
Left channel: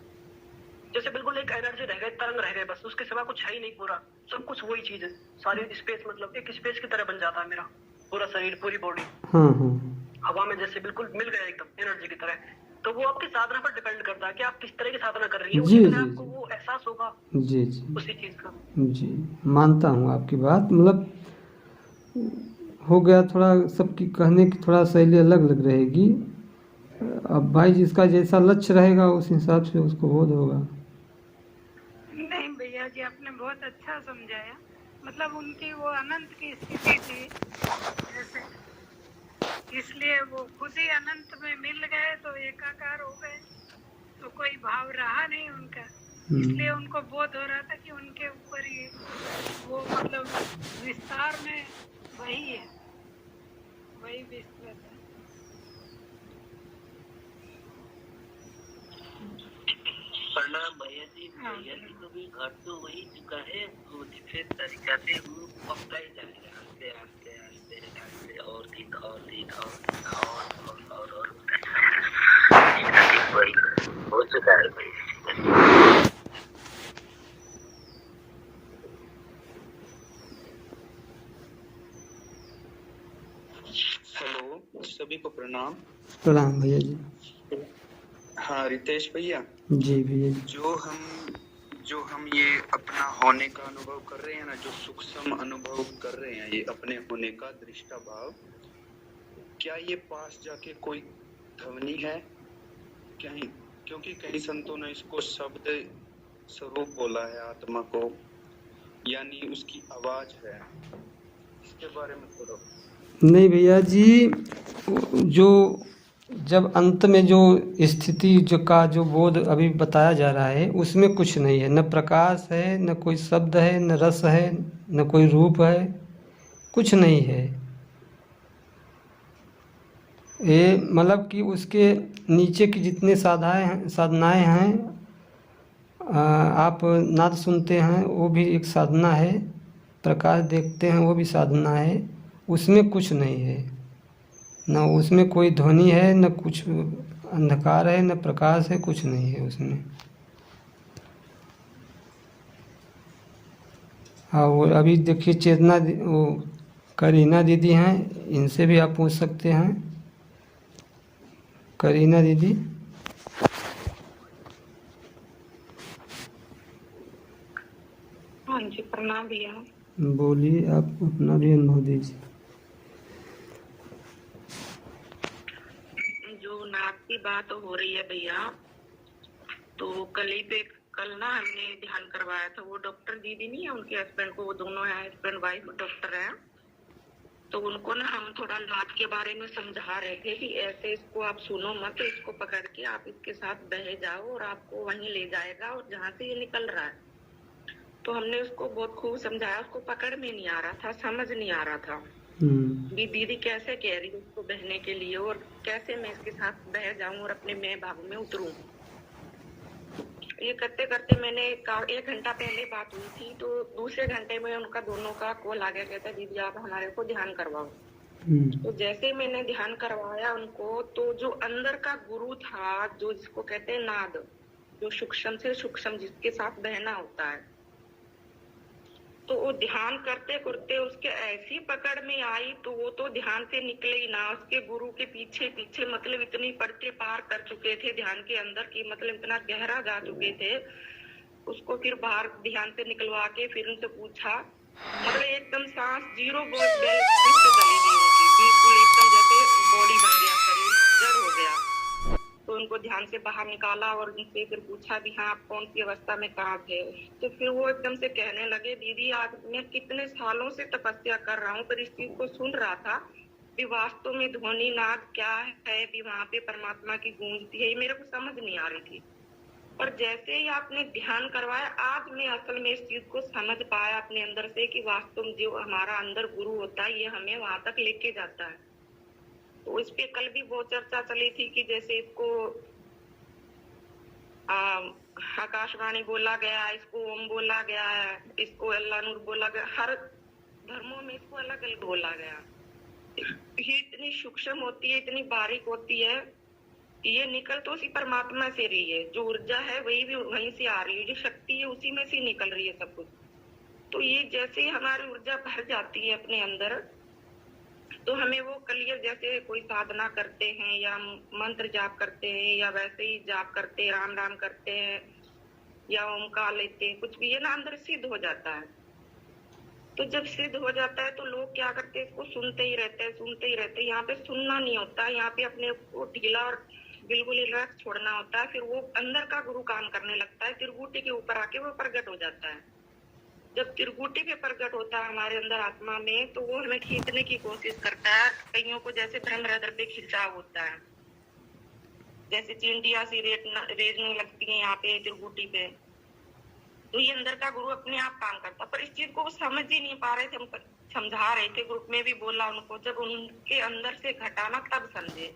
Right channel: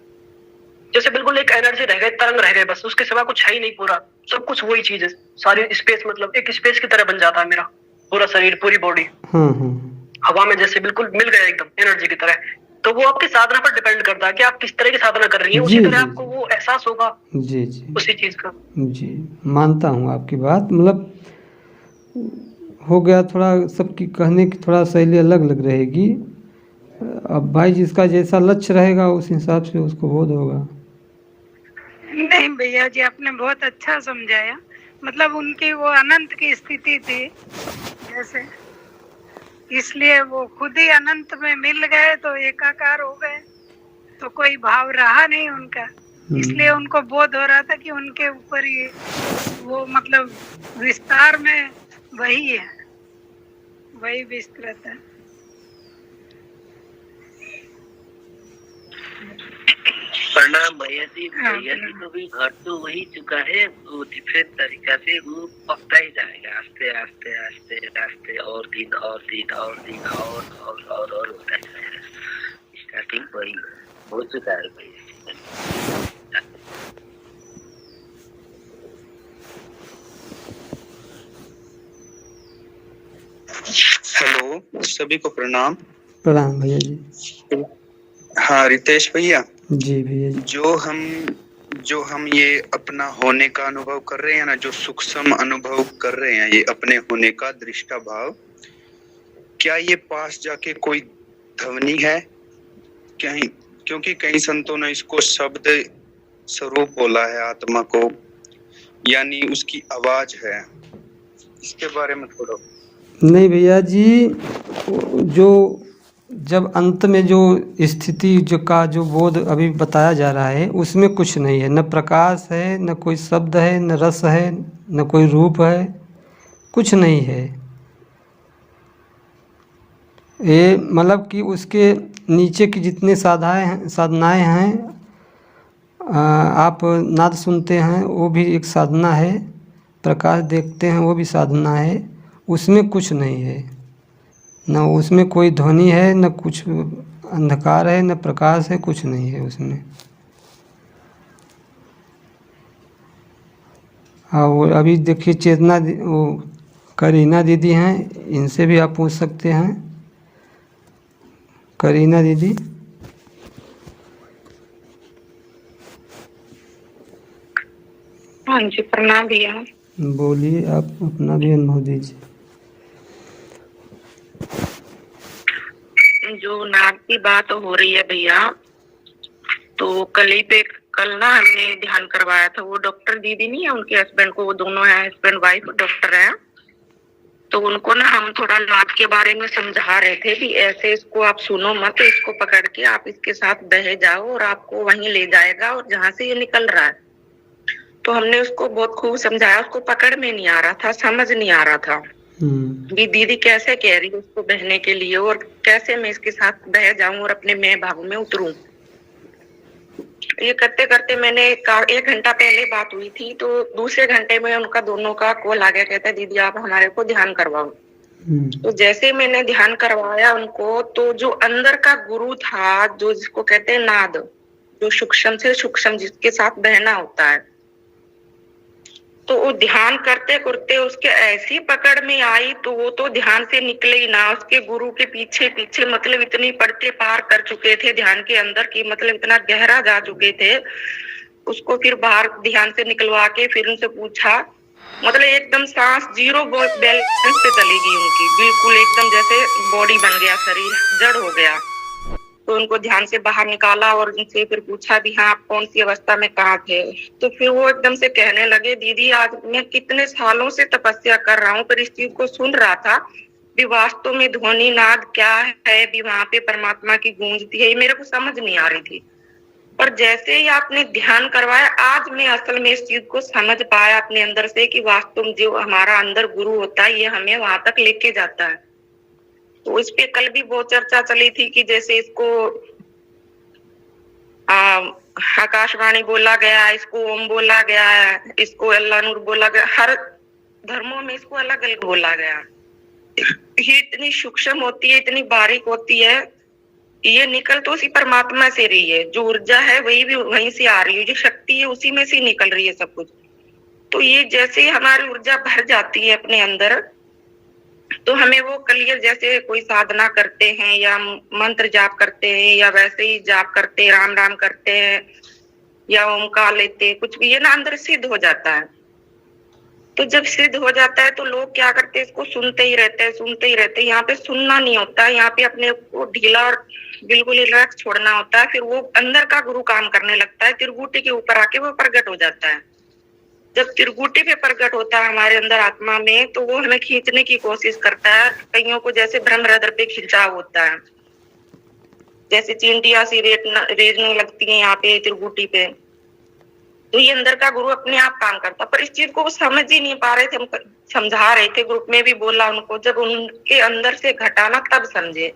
जैसे बिल्कुल एक एनर्जी रह गई, तरंग रह गए, बस उसके सिवा कुछ है ही नहीं, पूरा सब कुछ वही चीज है, सारी स्पेस, मतलब एक स्पेस की तरह बन जाता है मेरा पूरा शरीर, पूरी बॉडी हवा में जैसे बिल्कुल मिल गया एकदम एनर्जी की तरह। तो वो आपकी साधना पर डिपेंड करता है कि आप किस तरह की साधना कर रही हैं, जी उसी तरह जी आपको वो एहसास होगा जी जी उसी चीज का। जी, मानता हूँ आपकी बात। मतलब हो गया थोड़ा, सबकी कहने की थोड़ा शैली अलग अलग रहेगी। अब भाई जिसका जैसा लक्ष्य रहेगा उस हिसाब से उसको बोध होगा। नहीं भैया जी, आपने बहुत अच्छा समझाया। मतलब उनकी वो अनंत की स्थिति थी जैसे, इसलिए वो खुद ही अनंत में मिल गए तो एकाकार हो गए, तो कोई भाव रहा नहीं उनका। इसलिए उनको बोध हो रहा था कि उनके ऊपर ही वो मतलब विस्तार में वही है, वही विस्तृत है। प्रणाम भैया जी। हाँ, भैया जी को भी घर तो वही चुका है, वो डिफरेंट तरीका से वो पकता ही जाएगा, आस्ते आस्ते आस्ते आस्ते, और दिन और दिन और दिन और होता है। ठीक वही हो चुका है भाई। हेलो, सभी को प्रणाम। प्रणाम भैया जी। हाँ रितेश भैया, जी भैया जी। जो हम ये अपना होने का अनुभव कर रहे हैं ना, जो सूक्ष्म अनुभव कर रहे हैं, ये अपने होने का दृष्टा भाव, क्या ये पास जाके कोई ध्वनि है कहीं? क्योंकि कई संतों ने इसको शब्द स्वरूप बोला है आत्मा को, यानी उसकी आवाज है। इसके बारे में थोड़ा। नहीं भैया जी, जो जब अंत में जो स्थिति जो बोध अभी बताया जा रहा है उसमें कुछ नहीं है, न प्रकाश है, न कोई शब्द है, न रस है, न कोई रूप है, कुछ नहीं है। ये मतलब कि उसके नीचे की जितनी साधनाएं हैं, आप नाद सुनते हैं वो भी एक साधना है, प्रकाश देखते हैं वो भी साधना है। उसमें कुछ नहीं है, न उसमें कोई ध्वनि है, न कुछ अंधकार है, न प्रकाश है, कुछ नहीं है उसमें। और अभी देखिए चेतना वो करीना दीदी हैं, इनसे भी आप पूछ सकते हैं। करीना दीदी। हाँ जी, प्रणाम भैया। बोलिए, आप अपना भी अनुभव दीजिए। जो नाग की बात हो रही है भैया, तो कल ना हमने ध्यान करवाया था। वो डॉक्टर दीदी नहीं है, उनके हस्बैंड को, वो दोनों है हस्बैंड वाइफ डॉक्टर है। तो उनको ना हम थोड़ा नाद के बारे में समझा रहे थे कि ऐसे इसको आप सुनो मत, इसको पकड़ के आप इसके साथ बह जाओ और आपको वहीं ले जाएगा और जहाँ से ये निकल रहा है। तो हमने उसको बहुत खूब समझाया, उसको पकड़ में नहीं आ रहा था, समझ नहीं आ रहा था कि दीदी कैसे कह रही है उसको बहने के लिए और कैसे मैं इसके साथ बह जाऊं और अपने मैं भाव में उतरूं। ये करते करते मैंने 1 घंटा पहले बात हुई थी, तो दूसरे घंटे में उनका दोनों का कॉल आ गया, कहता है दीदी आप हमारे को ध्यान करवाओ। तो जैसे मैंने ध्यान करवाया उनको, तो जो अंदर का गुरु था, जो जिसको कहते हैं नाद, जो सूक्ष्म से सूक्ष्म जिसके साथ बहना होता है, तो वो ध्यान करते करते उसके ऐसी पकड़ में आई, तो वो तो ध्यान से निकले ही ना। उसके गुरु के पीछे पीछे मतलब इतनी पड़ते पार कर चुके थे ध्यान के अंदर की, मतलब इतना गहरा जा चुके थे। उसको फिर बाहर ध्यान से निकलवा के फिर उनसे पूछा, मतलब एकदम सांस जीरो बैलेंस पे चली गई उनकी, बिल्कुल एकदम जैसे बॉडी बन गया, शरीर जड़ हो गया। तो उनको ध्यान से बाहर निकाला और उनसे फिर पूछा भी हाँ आप कौन सी अवस्था में कहाँ थे। तो फिर वो एकदम से कहने लगे, दीदी आज मैं कितने सालों से तपस्या कर रहा हूँ, पर इस चीज को सुन रहा था भी वास्तव में ध्वनि नाद क्या है, भी वहां पे परमात्मा की गूंजती है, ये मेरे को समझ नहीं आ रही थी। पर जैसे ही आपने ध्यान करवाया, आज मैं असल में इस चीज को समझ पाया अपने अंदर से कि वास्तव में जो हमारा अंदर गुरु होता है ये हमें वहां तक लेके जाता है। तो इस पे कल भी बहुत चर्चा चली थी कि जैसे इसको आकाशवाणी बोला गया, इसको ओम बोला गया, इसको अल्लाह नूर बोला गया, हर धर्मों में इसको अलग अलग बोला गया। ये इतनी सूक्ष्म होती है, इतनी बारीक होती है, ये निकल तो उसी परमात्मा से रही है, जो ऊर्जा है वही भी वहीं से आ रही है, जो शक्ति है उसी में से निकल रही है सब कुछ। तो ये जैसे ही हमारी ऊर्जा भर जाती है अपने अंदर, तो हमें वो क्लियर, जैसे कोई साधना करते हैं या मंत्र जाप करते हैं या वैसे ही जाप करते, राम राम करते हैं या ओमकार लेते हैं, कुछ भी ये ना अंदर सिद्ध हो जाता है। तो जब सिद्ध हो जाता है तो लोग क्या करते हैं, इसको सुनते ही रहते हैं, सुनते ही रहते हैं। यहाँ पे सुनना नहीं होता है, यहाँ पे अपने को ढीला और बिल्कुल रिलैक्स छोड़ना होता है। फिर वो अंदर का गुरु काम करने लगता है, त्रिगुटी के ऊपर आके वो प्रकट हो जाता है। जब त्रिगुटी पे प्रकट होता है हमारे अंदर आत्मा में, तो वो हमें खींचने की कोशिश करता है। कईयों को जैसे ब्रह्म हृदय पे खिंचाव होता है, जैसे चींटियां सी रेजने लगती है यहाँ पे त्रिगुटी पे, तो ये अंदर का गुरु अपने आप काम करता। पर इस चीज को वो समझ ही नहीं पा रहे थे। हम समझा रहे थे, ग्रुप में भी बोला उनको, जब उनके अंदर से घटाना तब समझे।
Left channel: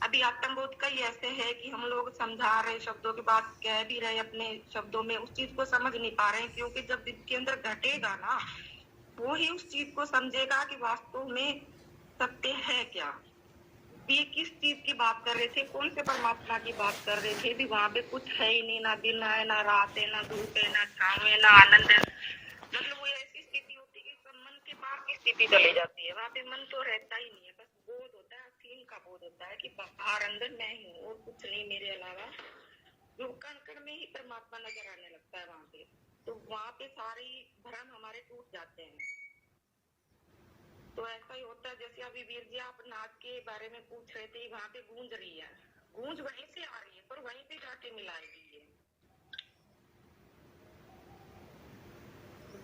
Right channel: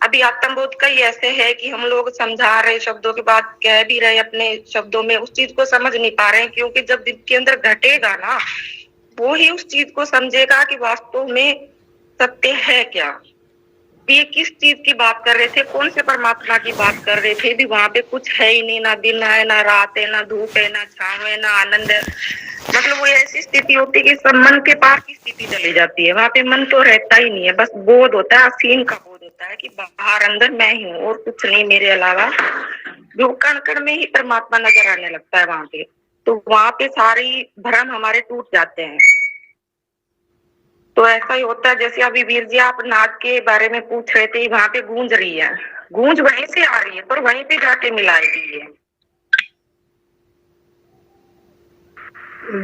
अभी आत्मबोध का ही ऐसे है कि हम लोग समझा रहे, शब्दों की बात कह भी रहे अपने शब्दों में, उस चीज को समझ नहीं पा रहे हैं। क्योंकि जब दिल के अंदर घटेगा ना, वो ही उस चीज को समझेगा कि वास्तव में सत्य है क्या। ये किस चीज की बात कर रहे थे, कौन से परमात्मा की बात कर रहे थे, भी वहां पे कुछ है ही नहीं, ना दिन है, ना रात है, ना धूप है, ना छांव है, ना आनंद है। मतलब वो ऐसी स्थिति होती है कि सब मन के पार की स्थिति चली जाती है। वहां पे मन तो रहता ही नहीं है, बस बोध होता है, असीम का बोध होता है कि बाहर अंदर मैं ही हूँ और कुछ नहीं मेरे अलावा। जो कण कण में ही परमात्मा नजर आने लगता है वहां पे। तो वहां पे सारी भ्रम हमारे टूट जाते हैं। तो ऐसा ही होता है, जैसे अभी वीर जी आप नाद के बारे में पूछ रहे थे, वहां पे गूंज रही है, गूंज वहीं से आ रही है, पर वहीं पे जाके मिलाएगी ये।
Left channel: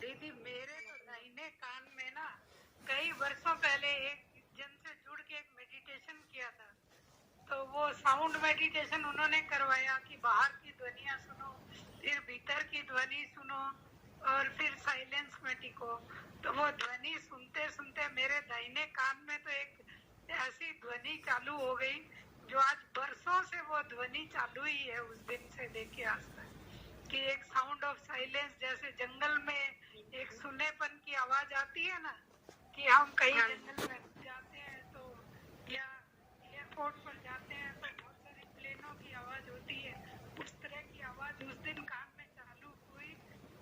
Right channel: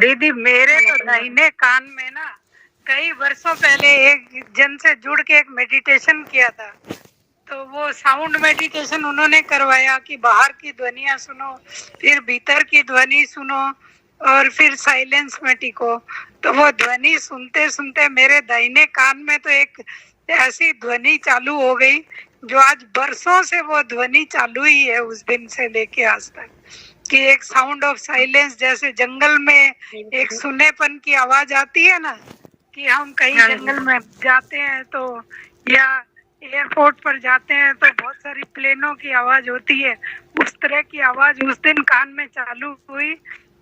दीदी मेरे तो दाहिने कान में ना कई वर्षों पहले एक जन से जुड़ के एक मेडिटेशन किया था। तो वो साउंड मेडिटेशन उन्होंने करवाया कि बाहर की ध्वनियां सुनो, फिर भीतर की ध्वनि सुनो और फिर साइलेंस में टिको। तो वो ध्वनि सुनते सुनते मेरे दाहिने कान में तो एक ऐसी ध्वनि चालू हो गई जो आज बरसों से वो ध्वनि चालू ही है, उस दिन से लेके आज तक, कि एक साउंड ऑफ साइलेंस। जैसे जंगल में एक सुनेपन की आवाज आती है ना, कि हम कहीं जंगल में जाते हैं तो या एयरपोर्ट पर जाते हैं तो बहुत सारी प्लेनों की आवाज होती है, उस तरह की आवाज उस दिन कान में चालू हुई।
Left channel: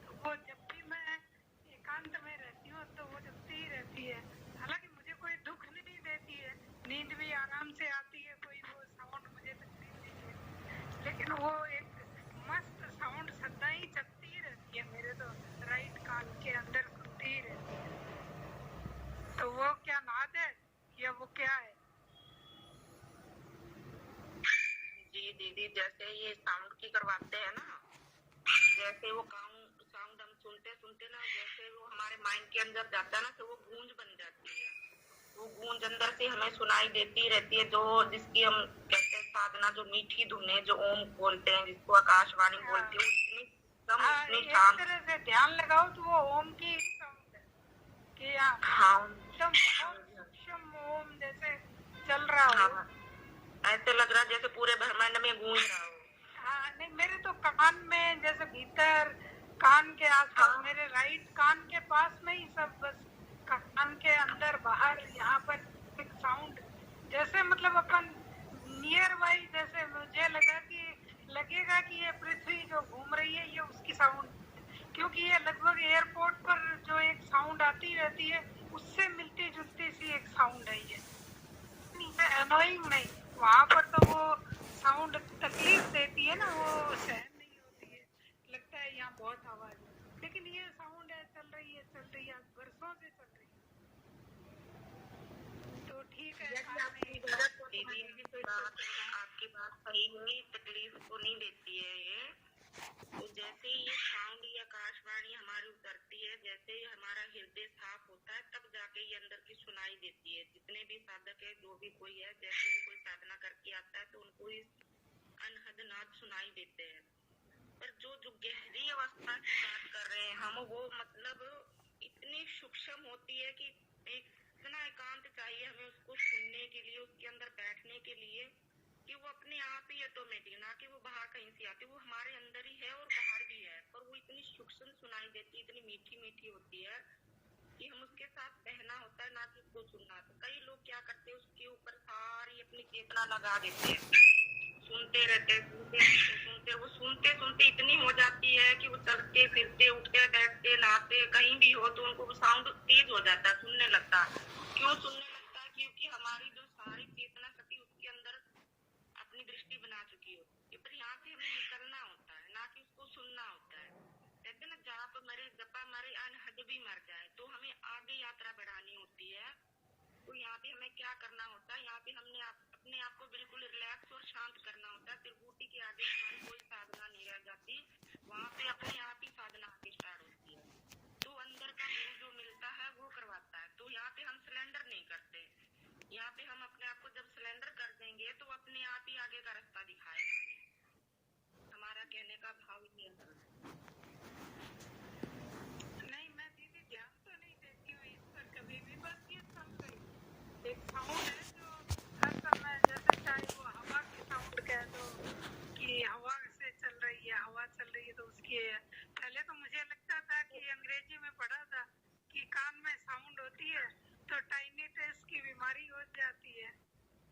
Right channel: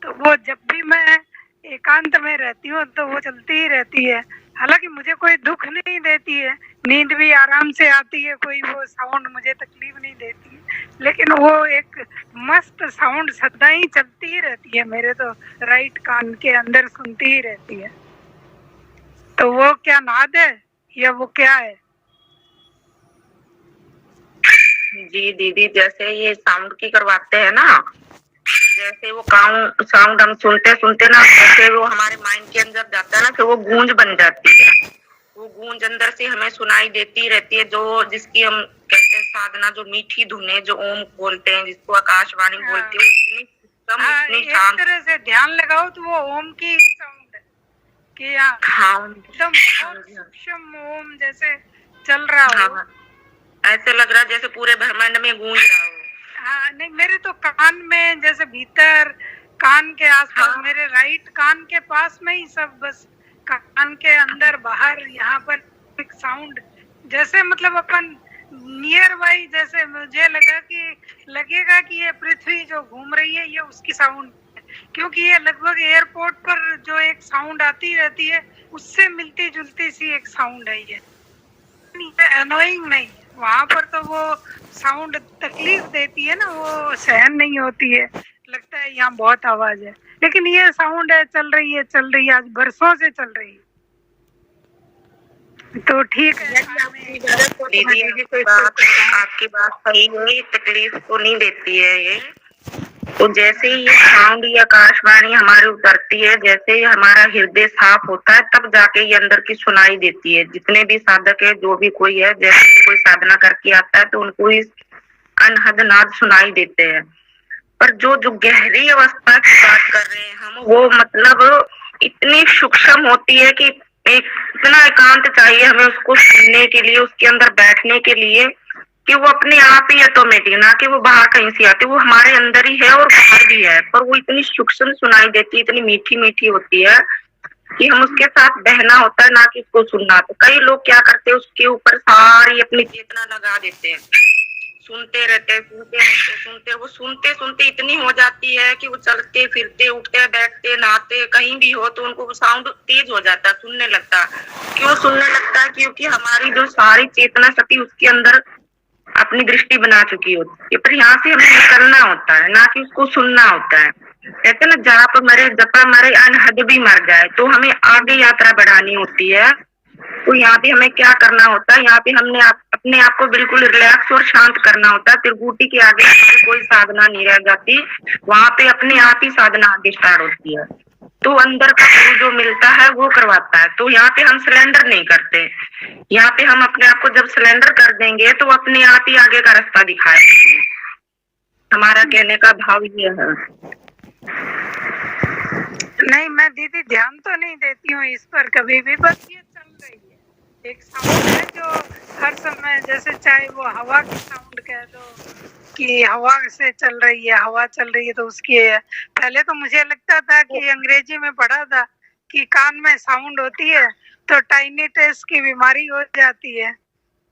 तो वो जब भी मैं एकांत में रहती हूँ तो वो चलती ही रहती है। हालांकि मुझे कोई दुख नहीं देती है, नींद भी आराम से आती है, कोई वो साउंड मुझे तकलीफ नहीं देती है, लेकिन वो एक मस्त साउंड सदा ही चलती ही रहती है मेरे तो राइट कान के अंदर, सुनती ही रहती है। तो वो क्या नाद है या वो क्या है? जी दीदी, जैसे ये साउंड की करवाते हैं ना, जैसे वो साउंड हम सुनते सुनते ना, जैसे वो हमारे माइंड के अंदर जाता है ना, फिर वो गूंज बन जाती है। वो गूंज अंदर से हमें सुनाई देती रहती है, जो जिसकी हम कहते हैं साधना, जो मीठी धुने, जो ओम बोलते हैं, जिसको आकाशवाणी बोलते हैं, इतनी एक तरह से ध्यान लगाओ तो वो ओम की ही साउंड है कि एकदम बहुत सूक्ष्म ओम जैसे चल रहा हो। ऐसे लग रहा है जैसे पूरे ब्रह्मांड में गूंज रहा हो। हाँ, नहीं मेरे तो कान में, जैसे भीतर कान के आसपास, मेरे राइट कान के पास में ही सब, बस कान के अंदर बाहर यहाँ पर एक साउंड, जैसे मतलब अपन नियर बाई, जैसे मुझे लगेगा कि ये पृथ्वी जो घूम रही है ये उसकी साउंड है, क्योंकि ये लगभग एयरपोर्ट पर जो एक साउंड आती रहती है उससे मिलती जुलती सी एक साउंड है ये अनोइंग नहीं। वहाँ पर तो वो साउंड तकलीफ देती है ना, वो सहन नहीं होती है, लगता है यहाँ बहुत आवाज है, लेकिन ये साउंड है, चल रही है आज बरसों से चल रही है। तो ठीक है दीदी, कोई बात आपकी बात सही है, तकलीफ तो नहीं देती है ये। तो जैसे ही ये साउंड या आकाशवाणी हमारे उतरती है, जैसे ही हमारा हृदय साफ होता है, तब जाके ये अंदर की सुनाई देती है। जितने भी साधक है, जो भी कोई है, जैसे कोई साधना करके आता है तो उनको इस अनहद नाद सुनाई देते हैं। पर जो गहरी अवस्था की बात कर रहे हैं हम, वो मतलब इतनी सूक्ष्म होती है कि इतना एकांत चाहिए हमें उसको सुनने के लिए, उसके अंदर बैठने के लिए, कि वो अपने आप ही ऑटोमेटिक, ना कि वो बाहर कहीं से आती, वो हमारे अंदर ही है और बाहर भी है, पर वो इतनी सूक्ष्म सुनाई देती है, इतनी मीठी मीठी होती है कि हम उसके साथ बहना होता है, ना कि उसको सुनना। तो कई लोग क्या करते हैं, उसके ऊपर सारी अपनी चेतना लगा देते हैं, सुनते रहते वो सुनते सुनते इतनी हो जाती है कि वो चलते फिरते उठते बैठते नहाते कहीं भी हो तो उनको साउंड तेज हो जाता है, सुनने लगता है। क्यों सुनने लगता है? क्योंकि हमारी जो सारी चेतना शक्ति उसके अंदर अपनी दृष्टि बना चुकी होती है, पर यहाँ से हमें निकलना होता है, ना कि उसको सुनना होता है। कहते ना जहाँ पर मरे जपा मरे अनहद भी मर जाए, तो हमें आगे यात्रा बढ़ानी होती है। तो यहाँ पे हमें क्या करना होता है? यहाँ पे हमने अपने आप को बिल्कुल रिलैक्स और शांत करना होता है। त्रिकुटी के आगे हमारी कोई साधना नहीं रह जाती, वहाँ पे अपने आप ही साधना आगे स्टार्ट होती है। तो अंदर का गुरु जो मिलता है वो करवाता है। तो यहाँ पे हम सिलेंडर नहीं करते, यहाँ पे हम अपने आप को जब सिलेंडर कर देंगे तो अपने आप ही आगे का रास्ता दिखाएंगे। हमारा कहने का भाव ये है। नहीं, मैं दीदी ध्यान तो नहीं देती हूँ इस पर कभी भी, बस ये चल रही है। एक साउंड है जो हर समय, जैसे चाहे वो हवा की साउंड कह दो कि हवा से चल रही है, हवा चल रही है तो उसकी है। पहले तो मुझे लगता था कि अंग्रेजी में पढ़ा था कि कान में साउंड होती है तो टाइनिटिस की बीमारी हो जाती है,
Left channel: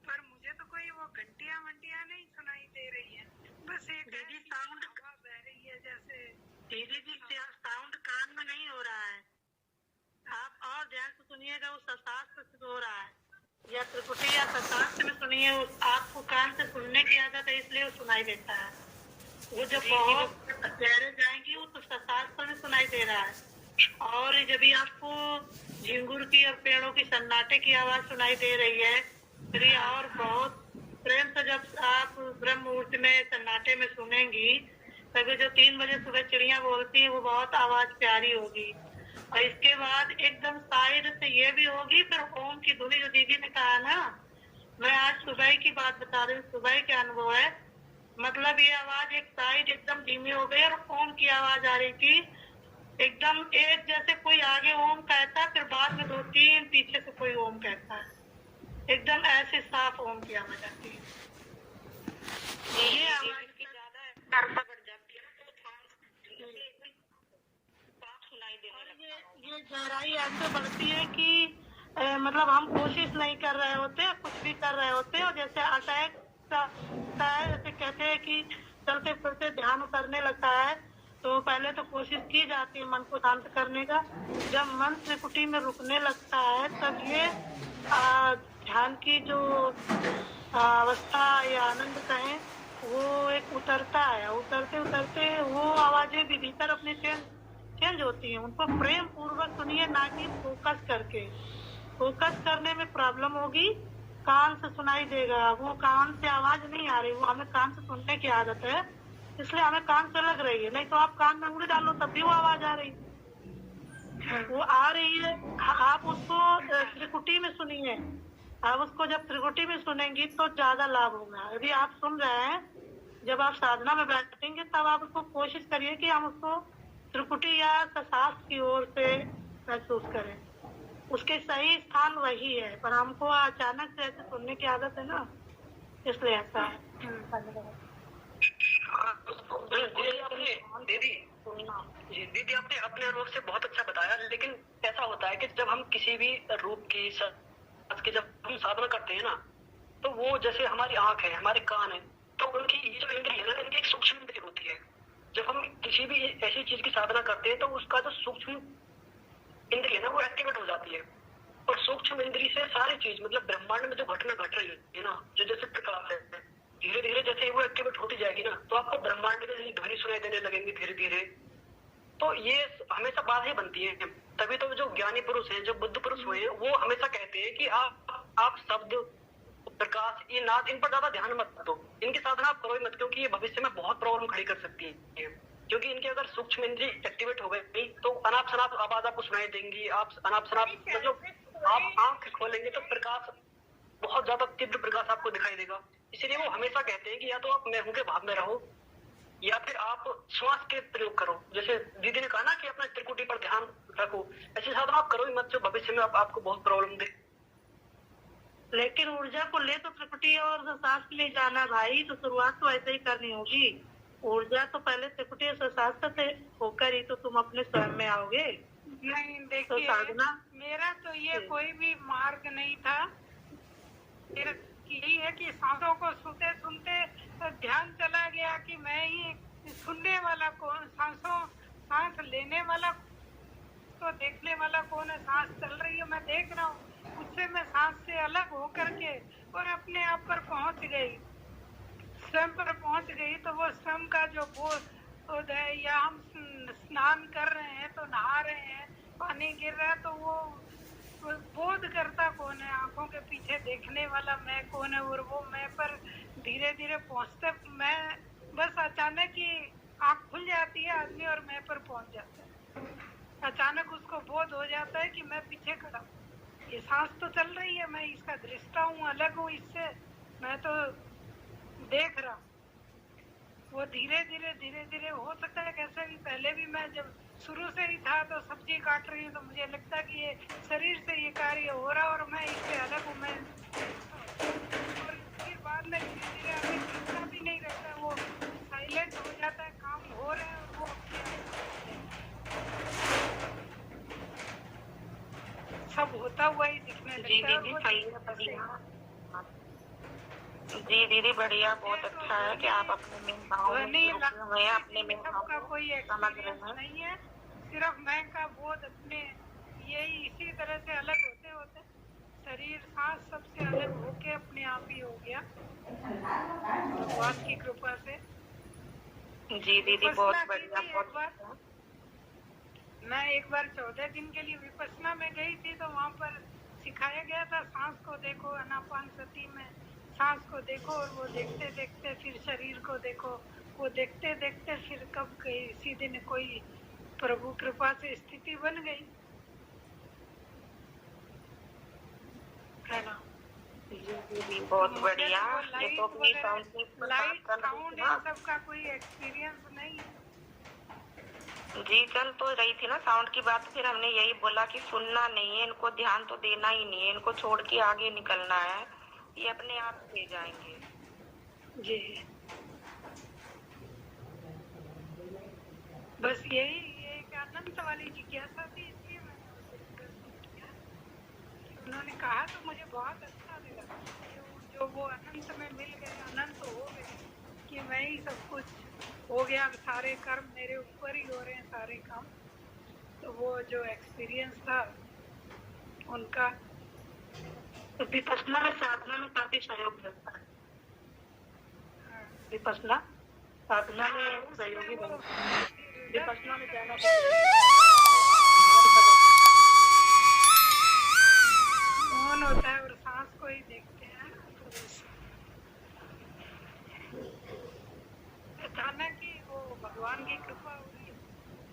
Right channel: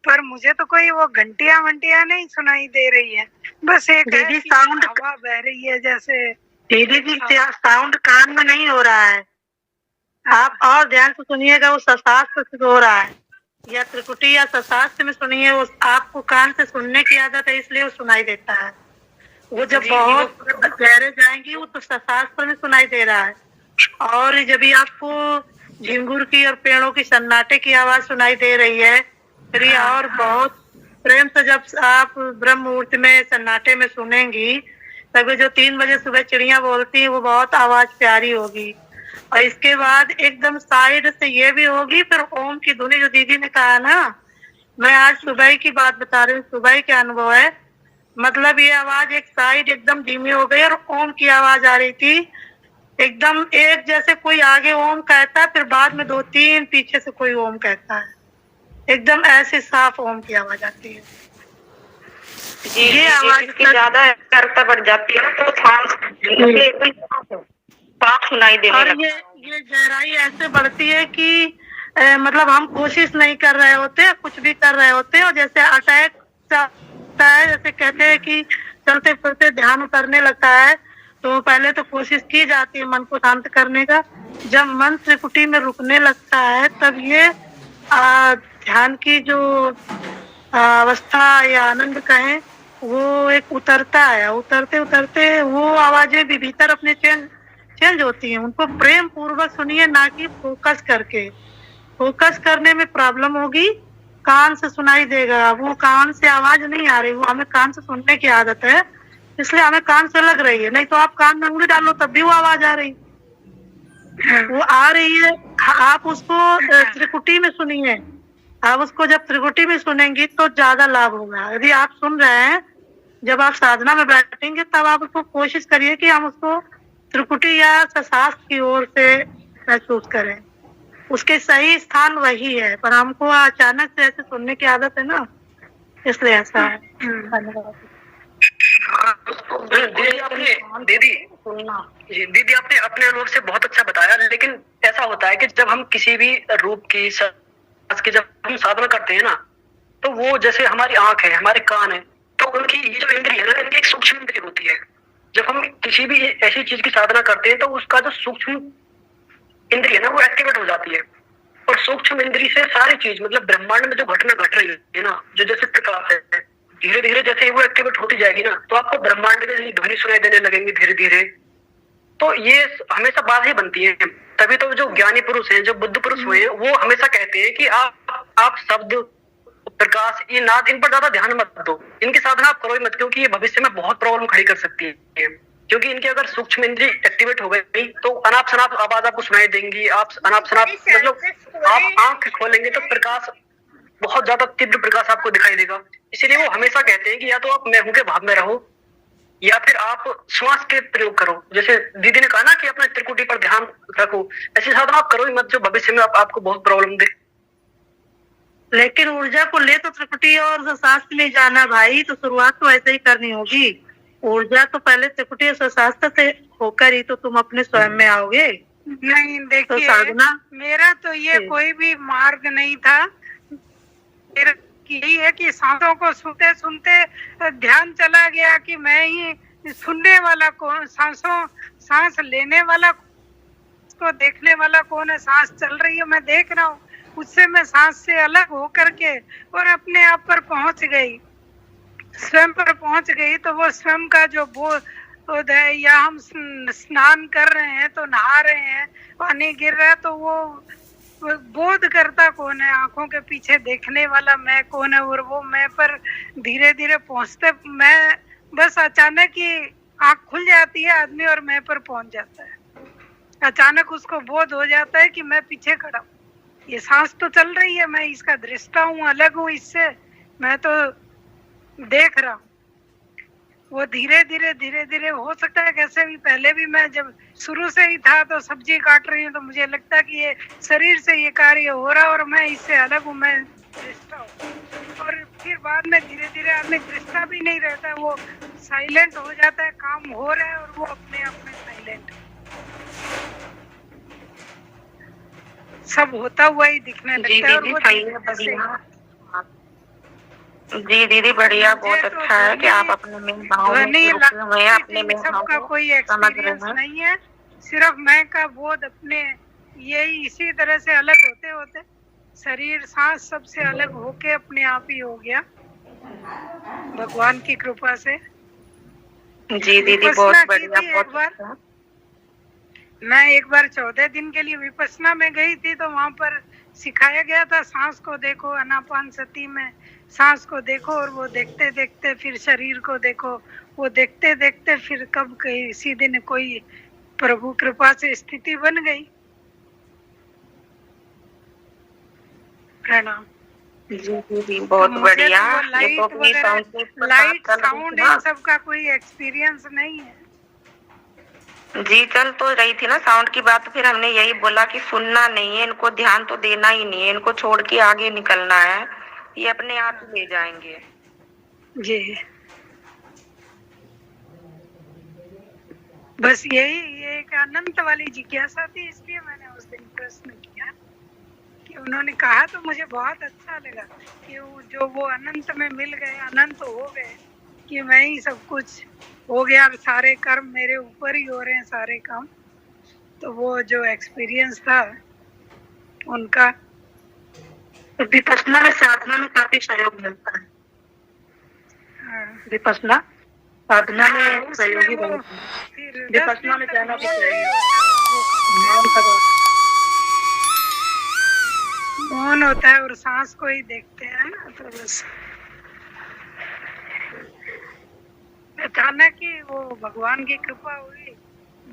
पर मुझे तो कोई वो घंटियां वंटियां नहीं सुनाई दे रही है। बस एक दीदी साउंड हवा बह रही है जैसे। दीदी जी साउंड कान में नहीं हो रहा है, आप और ध्यान से सुनिएगा, वो सशास्त्र से हो रहा है या त्रिकुटी या सशास्त्र में सुनिए। वो आपको कान से सुनने की आदत है इसलिए वो सुनाई देता है। वो जब बहुत गहरे जाएंगी वो तो सशास्त्र में सुनाई दे रहा है। और जब भी आपको झिंगुर की और पेड़ों की सन्नाटे की आवाज सुनाई दे रही है, फिर ये और बहुत प्रेम से जब आप ब्रह्म मुहूर्त में सन्नाटे में सुनेंगी, तब जो 3 बजे सुबह चिड़िया बोलती है वो बहुत आवाज प्यारी होगी। और इसके बाद एकदम साइड से ये भी होगी, फिर ओम की धुनी जो दीदी ने कहा ना, मैं आज सुबह की बात बता रही हूँ, सुबह के अनुभव है। मतलब ये आवाज एक साइड एकदम धीमी हो गई और ओम की आवाज आ रही थी एकदम एक, जैसे कोई आगे ओम कहता है फिर बाद में 2-3 पीछे से कोई ओम कहता है, एकदम ऐसे साफ ओम की आवाज आती है। ये आवाज की ज्यादा करता बढ़ जाती है तो साफ सुनाई देने और लगता है। ये गहराई ऐसे बढ़ती है कि मतलब हम कोशिश नहीं कर रहे होते, कुछ भी कर रहे होते और जैसे अटैक होता है, जैसे कहते हैं कि चलते फिरते ध्यान उतरने लगता है, तो पहले तो कोशिश की जाती है मन को शांत करने का। जब मन त्रिकुटी में रुकने लगता है तब ये ध्यान की जो अवस्था या आनंद कहें वो एक उतरता है। उतरते उतरते वो आवाजें भी भीतर अपने चेंज होती हैं। उनको प्रेम पूर्वक सुनिए, ना कि फोकस करके। फोकस करने में प्रॉब्लम होगी, कान से सुनाई देगा, वो कान से आवाज नहीं आ रही, वो हमें कान से सुनने की आदत है इसलिए हमें कान से लग रही है। नहीं तो आप कान में उंगली डालो तब भी वो आवाज आ रही, वो आ रही है। आप उसको त्रिकुटी में सुनिए, आप उसको जब त्रिकुटी में सुनेंगी तो ज्यादा लाभ होगा। यदि आप सुन रहे हैं, जब आप साधना में बैठेंगे तब आप उसको कोशिश करिए कि हम उसको त्रिकुटी या शास्त्र की ओर से महसूस करें। उसके सही स्थान वही है, पर हमको अचानक से ऐसे सुनने की आदत है ना, इसलिए ऐसा है। दीदी आपने अपने अनुभव से बहुत अच्छा बताया, लेकिन ऐसा होता है कि जब हम किसी भी रूप की जब हम साधना करते हैं ना, तो वो जैसे हमारी आंख है, हमारे कान है, तो उनकी ये जो इंद्रिय है ना, इनकी एक सूक्ष्म इंद्रिय होती है। जब हम किसी भी ऐसी चीज की साधना करते हैं तो उसका जो सूक्ष्म इंद्रिय है ना वो एक्टिवेट हो जाती है। और सूक्ष्म इंद्रिय से सारी चीज, मतलब ब्रह्मांड में जो घटना घट रही है ना, जो जैसे प्रकाश है, धीरे धीरे जैसे वो एक्टिवेट होती जाएगी ना, तो आपको ब्रह्मांड में ध्वनि सुनाई देने लगेंगे धीरे धीरे। तो ये हमेशा बात ही बनती है। तभी तो जो ज्ञानी पुरुष हैं, जो बुद्ध पुरुष हुए हैं, वो हमेशा कहते हैं कि आप शब्द, प्रकाश, ये नाद, इन पर ज्यादा ध्यान मत दो, इनकी साधना आप करो ही मत, क्योंकि ये भविष्य में बहुत प्रॉब्लम खड़ी कर सकती है। क्योंकि इनकी अगर सूक्ष्म इंद्रिय एक्टिवेट हो गई तो अनाप शनाप आवाज आपको सुनाई देंगी। आप अनाप शनाप मतलब आप आंख खोलेंगे तो प्रकाश, बहुत ज्यादा तीव्र प्रकाश आपको दिखाई देगा। इसलिए वो हमेशा कहते हैं कि या तो आप मैं हूं के भाव में रहो, या फिर आप श्वास के प्रयोग करो। जैसे दीदी ने कहा ना कि अपने त्रिकुटी पर ध्यान रखो, ऐसी साधना आप करो ही मत जो भविष्य में आपको बहुत प्रॉब्लम दे। लेकिन ऊर्जा को ले तो त्रिकुटी और शास्त्र में जाना भाई, तो शुरुआत तो ऐसे ही करनी होगी। ऊर्जा तो पहले त्रिकुटी और शास्त्र से होकर ही तो तुम अपने स्वयं में आओगे। नहीं देखिए, तो साधना मेरा तो ये कोई भी मार्ग नहीं था। कि यही है कि सांसों को सुनते सुनते ध्यान चला गया कि मैं ही सुनने वाला कौन, सांस लेने वाला को देखने वाला कौन है, सांस चल रही है मैं देख रहा हूँ, उससे मैं सांस से अलग हो करके और अपने आप पर पहुंच गई, स्वयं पर पहुंच गई। तो वो स्वयं का जो बोध है, या हम स्नान कर रहे हैं तो नहा रहे हैं, पानी गिर रहा है तो वो बोध करता कौन है, आंखों के पीछे देखने वाला मैं कौन है, और वो मैं पर धीरे धीरे पहुंचते, मैं बस अचानक ही आंख खुल जाती है आदमी और मैं पर पहुंच जाता है, अचानक उसको बोध हो जाता है कि मैं पीछे खड़ा हूँ, ये सांस तो चल रही है, मैं इसका दृष्टा हूँ, अलग हूँ इससे, मैं तो देख रहा हूँ। वो धीरे धीरे हो सकता है कैसे भी, पहले भी मैं जब शुरू से ही था तो सब्जी काट रही हूँ तो मुझे लगता कि ये शरीर से ये कार्य हो रहा है और मैं इससे अलग हूँ, मैं दृष्टा हूँ। और फिर बाद में धीरे धीरे आदमी दृष्टा भी नहीं रहता, वो साइलेंट हो जाता है, काम हो रहा है और वो अपने आप में साइलेंट, सब होता हुआ ही दिखने लगता है। और वो जी दीदी बढ़िया, बहुत अच्छा है कि आप अपने में भाव में रुके हुए हैं, अपने में सबका कोई एक्सपीरियंस नहीं है, सिर्फ मैं का बोध अपने यही इसी तरह से अलग होते होते शरीर सांस सबसे अलग होके अपने आप ही हो गया भगवान की कृपा से। जी दीदी बहुत बढ़िया, एक बार मैं एक बार 14 दिन के लिए विपश्यना में गई थी, तो वहां पर सिखाया गया था सांस को देखो, आनापान सती में सांस को देखो, और वो देखते देखते फिर शरीर को देखो, वो देखते देखते फिर कब किसी दिन कोई प्रभु कृपा से स्थिति बन गई। प्रणाम। जी दीदी बहुत बढ़िया। लाइट साउंड इन सब का कोई एक्सपीरियंस नहीं है। जी चल तो रही थी ना साउंड की बात, फिर हमने यही बोला कि सुनना नहीं है, इनको ध्यान तो देना ही नहीं है, इनको छोड़ के आगे निकलना है, ये अपने आप ले जाएंगे। जी बस यही ये एक अनंत वाली जिज्ञासा थी, इसलिए मैंने उस दिन प्रश्न किया कि उन्होंने कहा तो मुझे बहुत अच्छा लगा कि वो अनंत में मिल गए, अनंत हो गए, कि मैं ही सब कुछ हो गया, सारे कर्म मेरे ऊपर ही हो रहे हैं सारे काम। तो वो जो एक्सपीरियंस था उनका, तो विपश्यना में साधना में काफी सहयोग मिलता है। विपश्यना साधना में सहयोगी विपश्यना में जाना मौन होता है और सांस को ही देखते हैं ना, तो बस अचानक ही वो भगवान की कृपा हुई,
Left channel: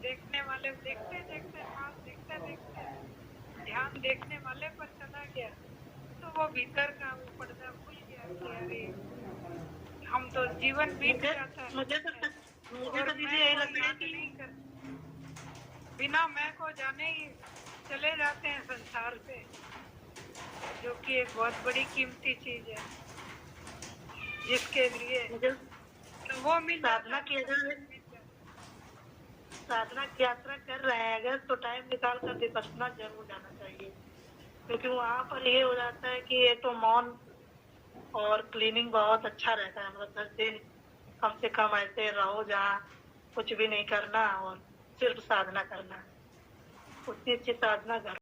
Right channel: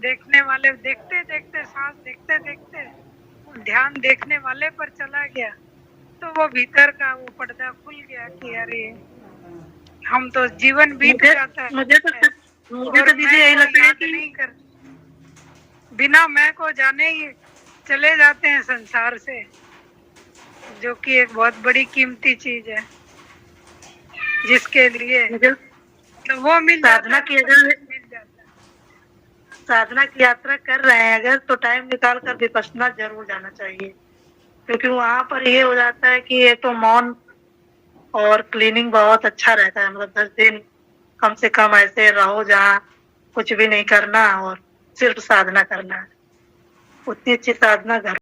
देखने वाले देखते देखते, सांस देखते देखते ध्यान देखने वाले पर चला गया, तो वो भीतर का वो पर्दा खुल गया कि अरे हम तो जीवन बीत जाता है, मुझे तो दीदी यही लगता है कि नहीं कर, बिना मैं को जाने ही चले जाते हैं संसार से, जो कि एक बहुत बड़ी कीमती चीज है, जिसके लिए तो वो मिल साधना की, अगर साधना की यात्रा कर रहे हैं अगर, तो टाइम निकाल कर विपश्यना जरूर जाना चाहिए, क्योंकि वहाँ पर ये हो जाता है कि एक तो मौन और क्लीनिंग बहुत अच्छा रहता है, मतलब 10 दिन कम से कम ऐसे रहो जहाँ कुछ भी नहीं करना और सिर्फ साधना करना है, उतनी अच्छी साधना घर